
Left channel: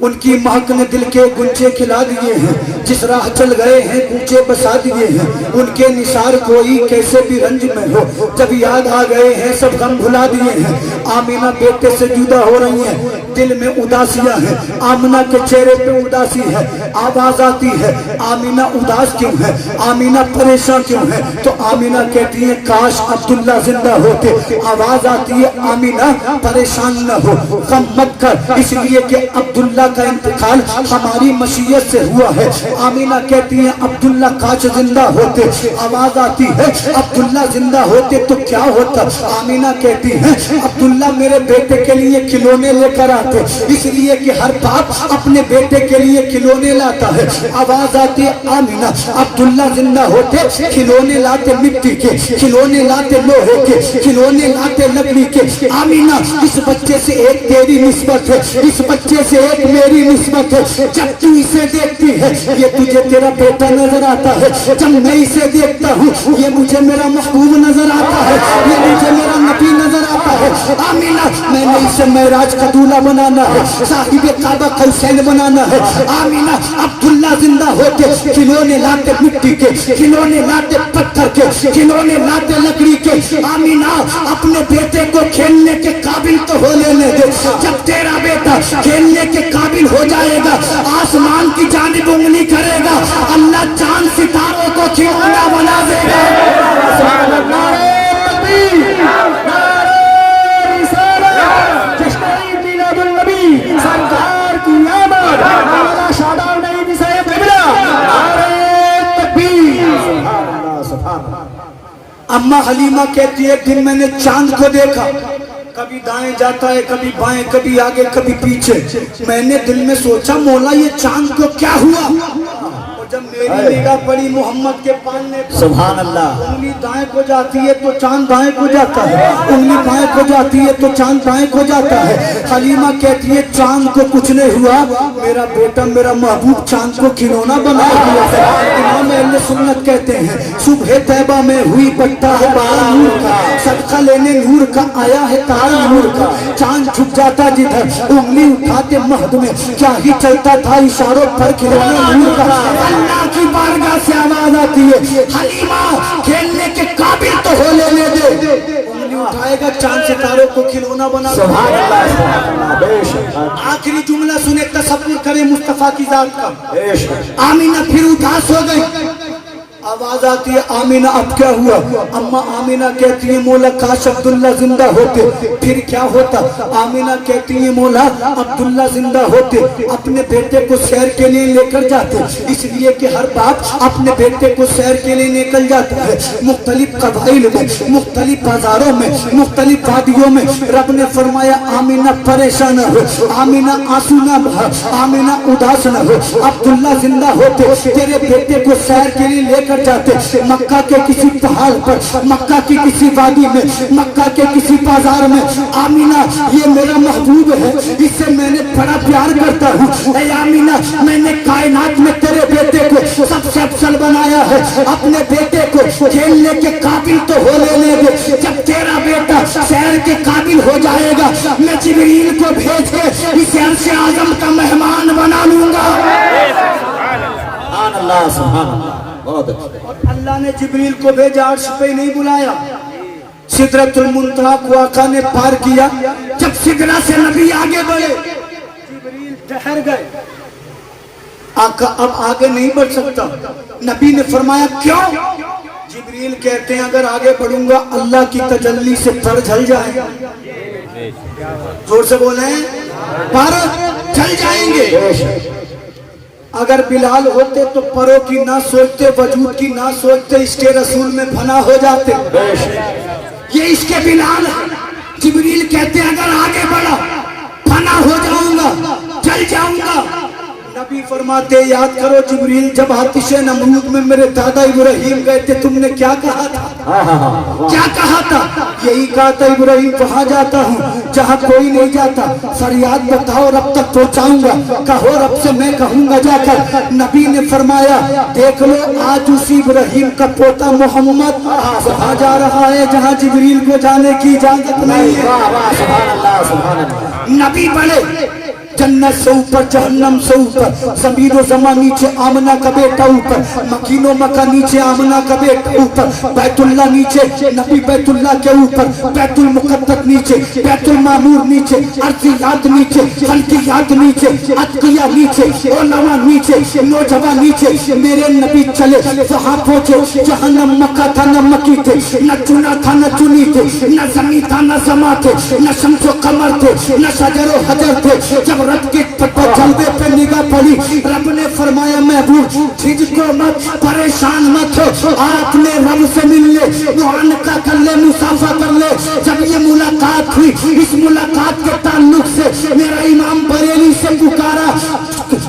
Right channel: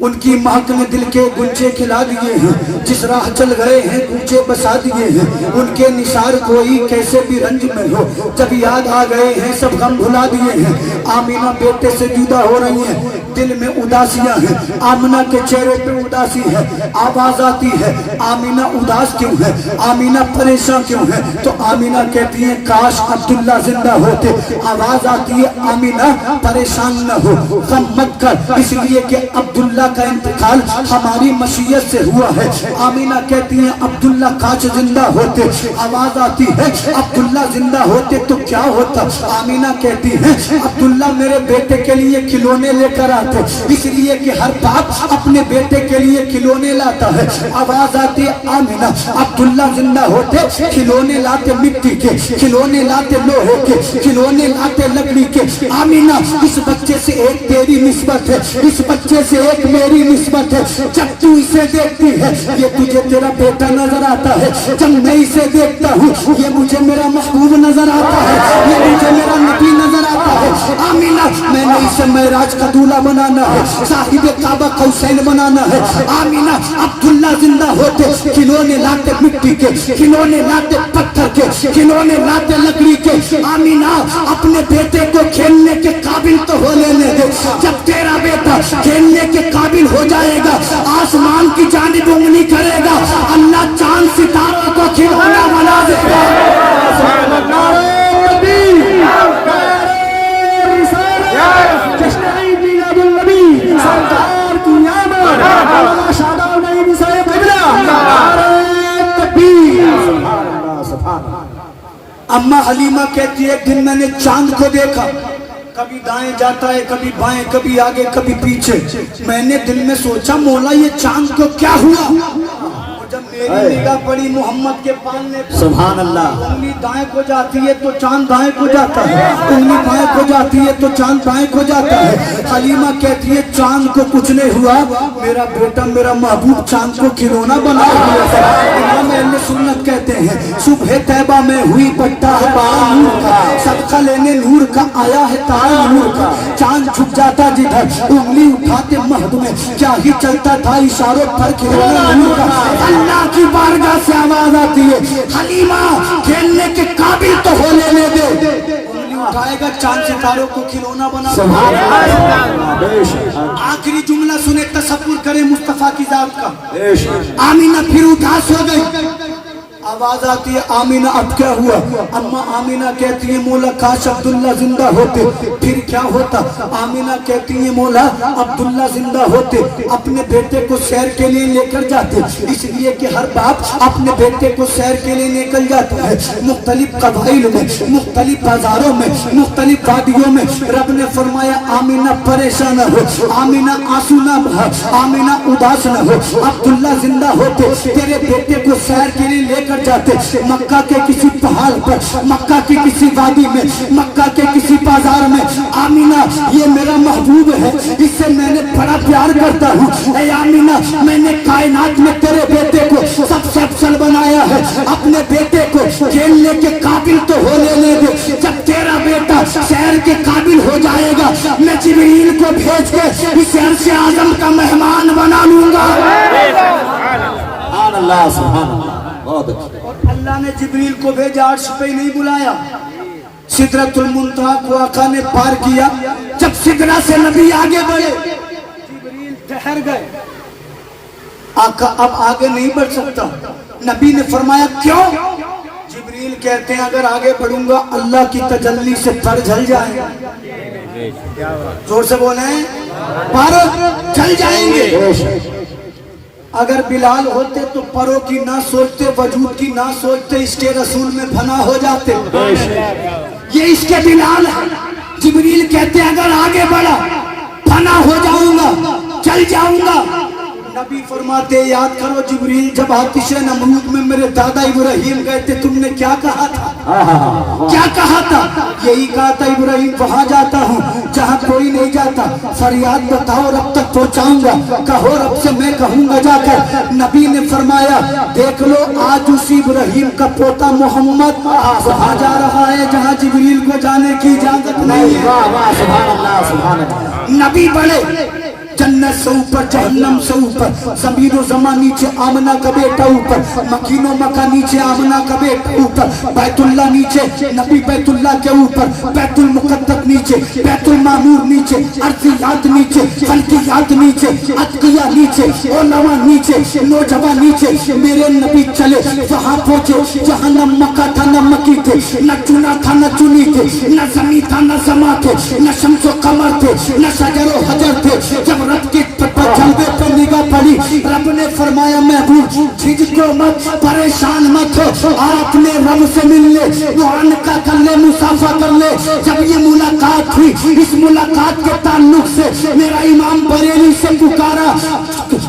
ان کی مہک نے دل کے گنچے کھلا دیے ہیں، جس راہ چل گئے ہیں گنچے بسا دیے ہیں. ان کے نثار کوئی کیسے بھی رنج میں ہو جب یاد آ گئے ہیں سب غم بھلا دیے ہیں. آمینہ بیٹے سے جدا ہو رہی ہیں، دل میں اداسیاں ہیں. آمینہ کے چہرے پہ اداسی ہے. آواز آتی ہے آمینہ اداس کیوں ہے، آمینہ پریشان کیوں ہے؟ تو آمینہ کہتی ہے کاش عبداللہ زندہ ہوتے. آواز آتی ہے آمینہ پریشان نہ ہو، غم مت کر، اس لیے کہ عبداللہ کا انتقال ہماری مشیت سے ہوا ہے. آمینہ کہتی ہیں عبداللہ کاش زندہ ہوتے. آواز آتی ہے عبداللہ زندہ ہوتے تو کیا ہوتا؟ آمینہ کہتی ہے عبداللہ میرے بیٹے کے لیے کھلونے لے کر آتے، اس لیے کہ ہر باپ اپنے بیٹے کے لیے کھلونے لاتا ہے. آواز آتی ہے آمینہ عبداللہ زندہ ہوتے کھلونے لاتے مٹی کے، کھلونے لاتے لوہے کے، کھلونے لاتے لکڑی کے. آمینہ اس بچے سے ایک تیری نسبت ہے، اس بچے سے ایک میری نسبت ہے. جب تو اسے دیکھتی ہے یہ تجھے تیرا بیٹا نظر آتا ہے، جب میں اسے دیکھتا ہوں یہ مجھے میرا محبوب نظر آتا ہے، یہ مجھے میرا نبی نظر آتا ہے. آمینہ میں نے اسے معراج کا دولہا بنانا ہے، صاحب کعبہ قوسین بنانا ہے. آمینہ عبداللہ زندہ ہوتے کھلونے لاتے مٹی کے، کھلونے لاتے پتھر کے، کھلونے لاتے لکڑی کے. آمینہ اپنے بیٹے کو کھیلنے کے قابل تو ہو لینے دے. جب تیرا بیٹا کھیلنے کے قابل ہو جائے گا آسمان کی جانب انگلی کرے گا، اللہ چاند ستاروں کو کھلونا بنا دے گا. سرکار کی آمد شاداب نہیں بھی صاحب. हलीमा कहती है एक दिन मैंने चांद को देखा, कभी दाएं जाता है, कभी बाएं, कभी आगे, कभी पीछे। मैंने दिल में सोचा मौला ये चांद को क्या हुआ? और जब मेरी निगाह पड़ी मोहम्मद के पालने पर, सुभान अल्लाह, उंगली दाएं को जाती है तो चांद दाएं को जाता है, उंगली बाएं को जाती है तो चांद बाएं को जाता है। हलीमा कहती है चांद को कुछ नहीं हुआ, मेरा बेटा मेरा महबूब चांद को खिलौना बना दिया है। इमाम अहले सुन्नत कहते हैं सुबह तैबा में हुई पट्टा है बारा नूर का, सदका लेने नूर का आया है तारा नूर का। चांद छुप जाता जिधर उंगली उठाते महद में, क्या ही चलता था इशारों पर खिलौना नूर का। अल्लाह की बारगाह से आवाज आती है हलीमा खेलने के काबिल तो हो लेने दे, उंगली उठाएगा चांद सितारों को खिलौना बना। आखिरी जुमला सुने, तसव्वुर करे मुस्तफा की जात का। आमीना फिर उदास हो गई, आवाज आती है आमीना अब क्या हुआ? अम्मा आमीना कहती है मौला काश अब्दुल्ला जिंदा होते, फिर क्या होता? आमीना कहती है मौला अब्दुल्ला जिंदा होते, अपने बेटे को सैर के लिए लेकर जाते, इसलिए कि हर बाप अपने बेटे को सैर के लिए निकल जाता है। मुख्तलिफ कबाइल में, मुख्तलिफ बाजारों में, मुख्तलिफ वादियों में। रब ने फरमाया आमीना परेशान न हो, आमीना आंसू न बहा, आमीना उदास न हो, अब्दुल्ला जिंदा होते, तेरे बेटे को सैर के लिए लेकर जाते मक्का के किसी पहाड़ पर, मक्का की किसी वादी में, मक्का के किसी बाजार में। आमीना ये मेरा महबूब है, इससे मैंने बड़ा प्यार करता हूँ। ऐ आमीना मैंने कायनात में तेरे बेटे को सबसे अफसल बनाया है, अपने बेटे को खेलने के काबिल तो हो लेने दे। जब तेरा बेटा शहर के काबिल हो जाएगा, मैं जिब्रील को भेज के इस अर्श आज़म का मेहमान बना लूंगा। अल्लाह सुभान, बहुत अच्छा। और अल्लाह ने जिब्रील को भेजा, अर्श पे नहीं बुलाया, सिदरतुल मुंतहा को आका ने पार किया। जब सिदरा से नबी आगे बढ़े, जिब्रील ठहर गए, आका अब आगे नहीं बढ़ सकता। नबी ने फरमाया क्यों? जिब्रील कहते हैं अगर आगे बढ़ूंगा अल्लाह की तजल्ली से पर जल जाएगा। जोर से बोले, पर जल जाएंगे। अगर बिलाल होते तो परों की ना सोचते, वजूद की ना सोचते, इसके रसूल में फना हो जाते। ये इसके बिलाल है। जिब्रील कहते अगर आगे बढ़ा फना हो जाऊंगा, जल जाऊंगा। नबी फरमाते याद करो जिब्रील जब आतिशे नमरूद में मेरे दादा इब्राहिम गए थे, तुमने क्या कहा था? क्या कहा था? यही कहा था इब्राहिम वहां जाता हूँ जहाँ कोई नहीं जाता, फरियाद बताओ रब तक पहुँचाऊंगा, कहो रब से मैं कहूँगा जाकर। नबी ने फरमाया देख लो आज उसी इब्राहिम का पोता मोहम्मद वहां जा रहा है जहाँ जिब्रील को जाने की इजाजत नहीं है। नबी बड़े जन्नत से ऊपर, जहन्नम से ऊपर, ज़मीन और ज़मान नीचे, आमना का बेटा ऊपर, मकीनो मका नीचे, आमना का बेटा ऊपर, बैतुल्ला नीचे, नबी बैतुल्ला के ऊपर, बैतुल मुक़द्दस नीचे, बैतुल मामूर नीचे, अर्ज़ियात नीचे, फल्कियात नीचे, अतकिया नीचे, उलमा नीचे, नौजवान नीचे। मेरे नबी चले वहाँ पहुँचे जहाँ न मक्का था न मकी थे, न चुना था न चुनी थे, न ज़मी था न ज़मा थे, न शम्स व कमर थे, न शजर व हजर थे। जब रब के जलवे पे निगाह पड़ी, रब ने फरमाया महबूब झिझको मत, परेशान मत हो, अपने रब से मिल ले, मुआनका कर ले, मुसाफा कर ले। जब ये मुलाकात हुई, इस मुलाकात के ताल्लुक से मेरा इमाम बरेली से पुकारा,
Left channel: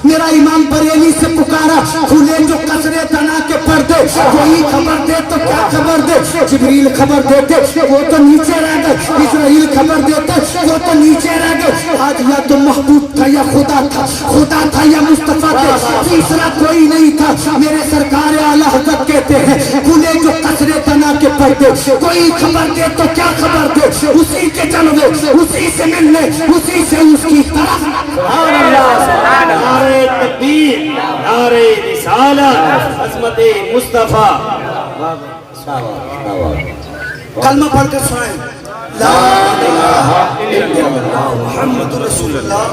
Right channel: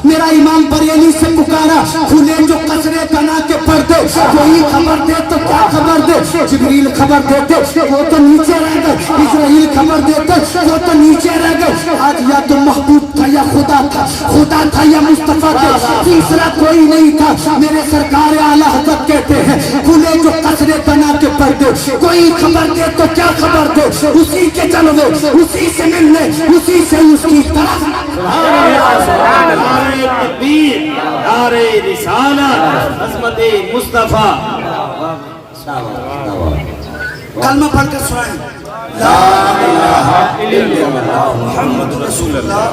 मेरा इमाम बरेली से पुकारा, खुले जो कसरे तना के पर्दे, वही खबर दे तो क्या खबर दे? जिब्रील खबर देते वो तो नीचे रह गए, इस्राइल खबर देते वो तो नीचे रह गए। आज या तो महबूब था या खुदा था, खुदा था या मुस्तफा थे, तीसरा कोई नहीं था। मेरे सरकार आला हज़रत कहते हैं खुले जो कसरे तना के पर्दे, कोई खबर दे तो क्या खबर दे? उसी के जलवे, उसी से मिलने, उसी से उसकी तरफ। नारे तकबीर, नारे रिसालत, अज़मते मुस्तफा। कलमा पढ़कर सुनाएं, ला इलाहा इल्लल्लाह मुहम्मद रसूलुल्लाह।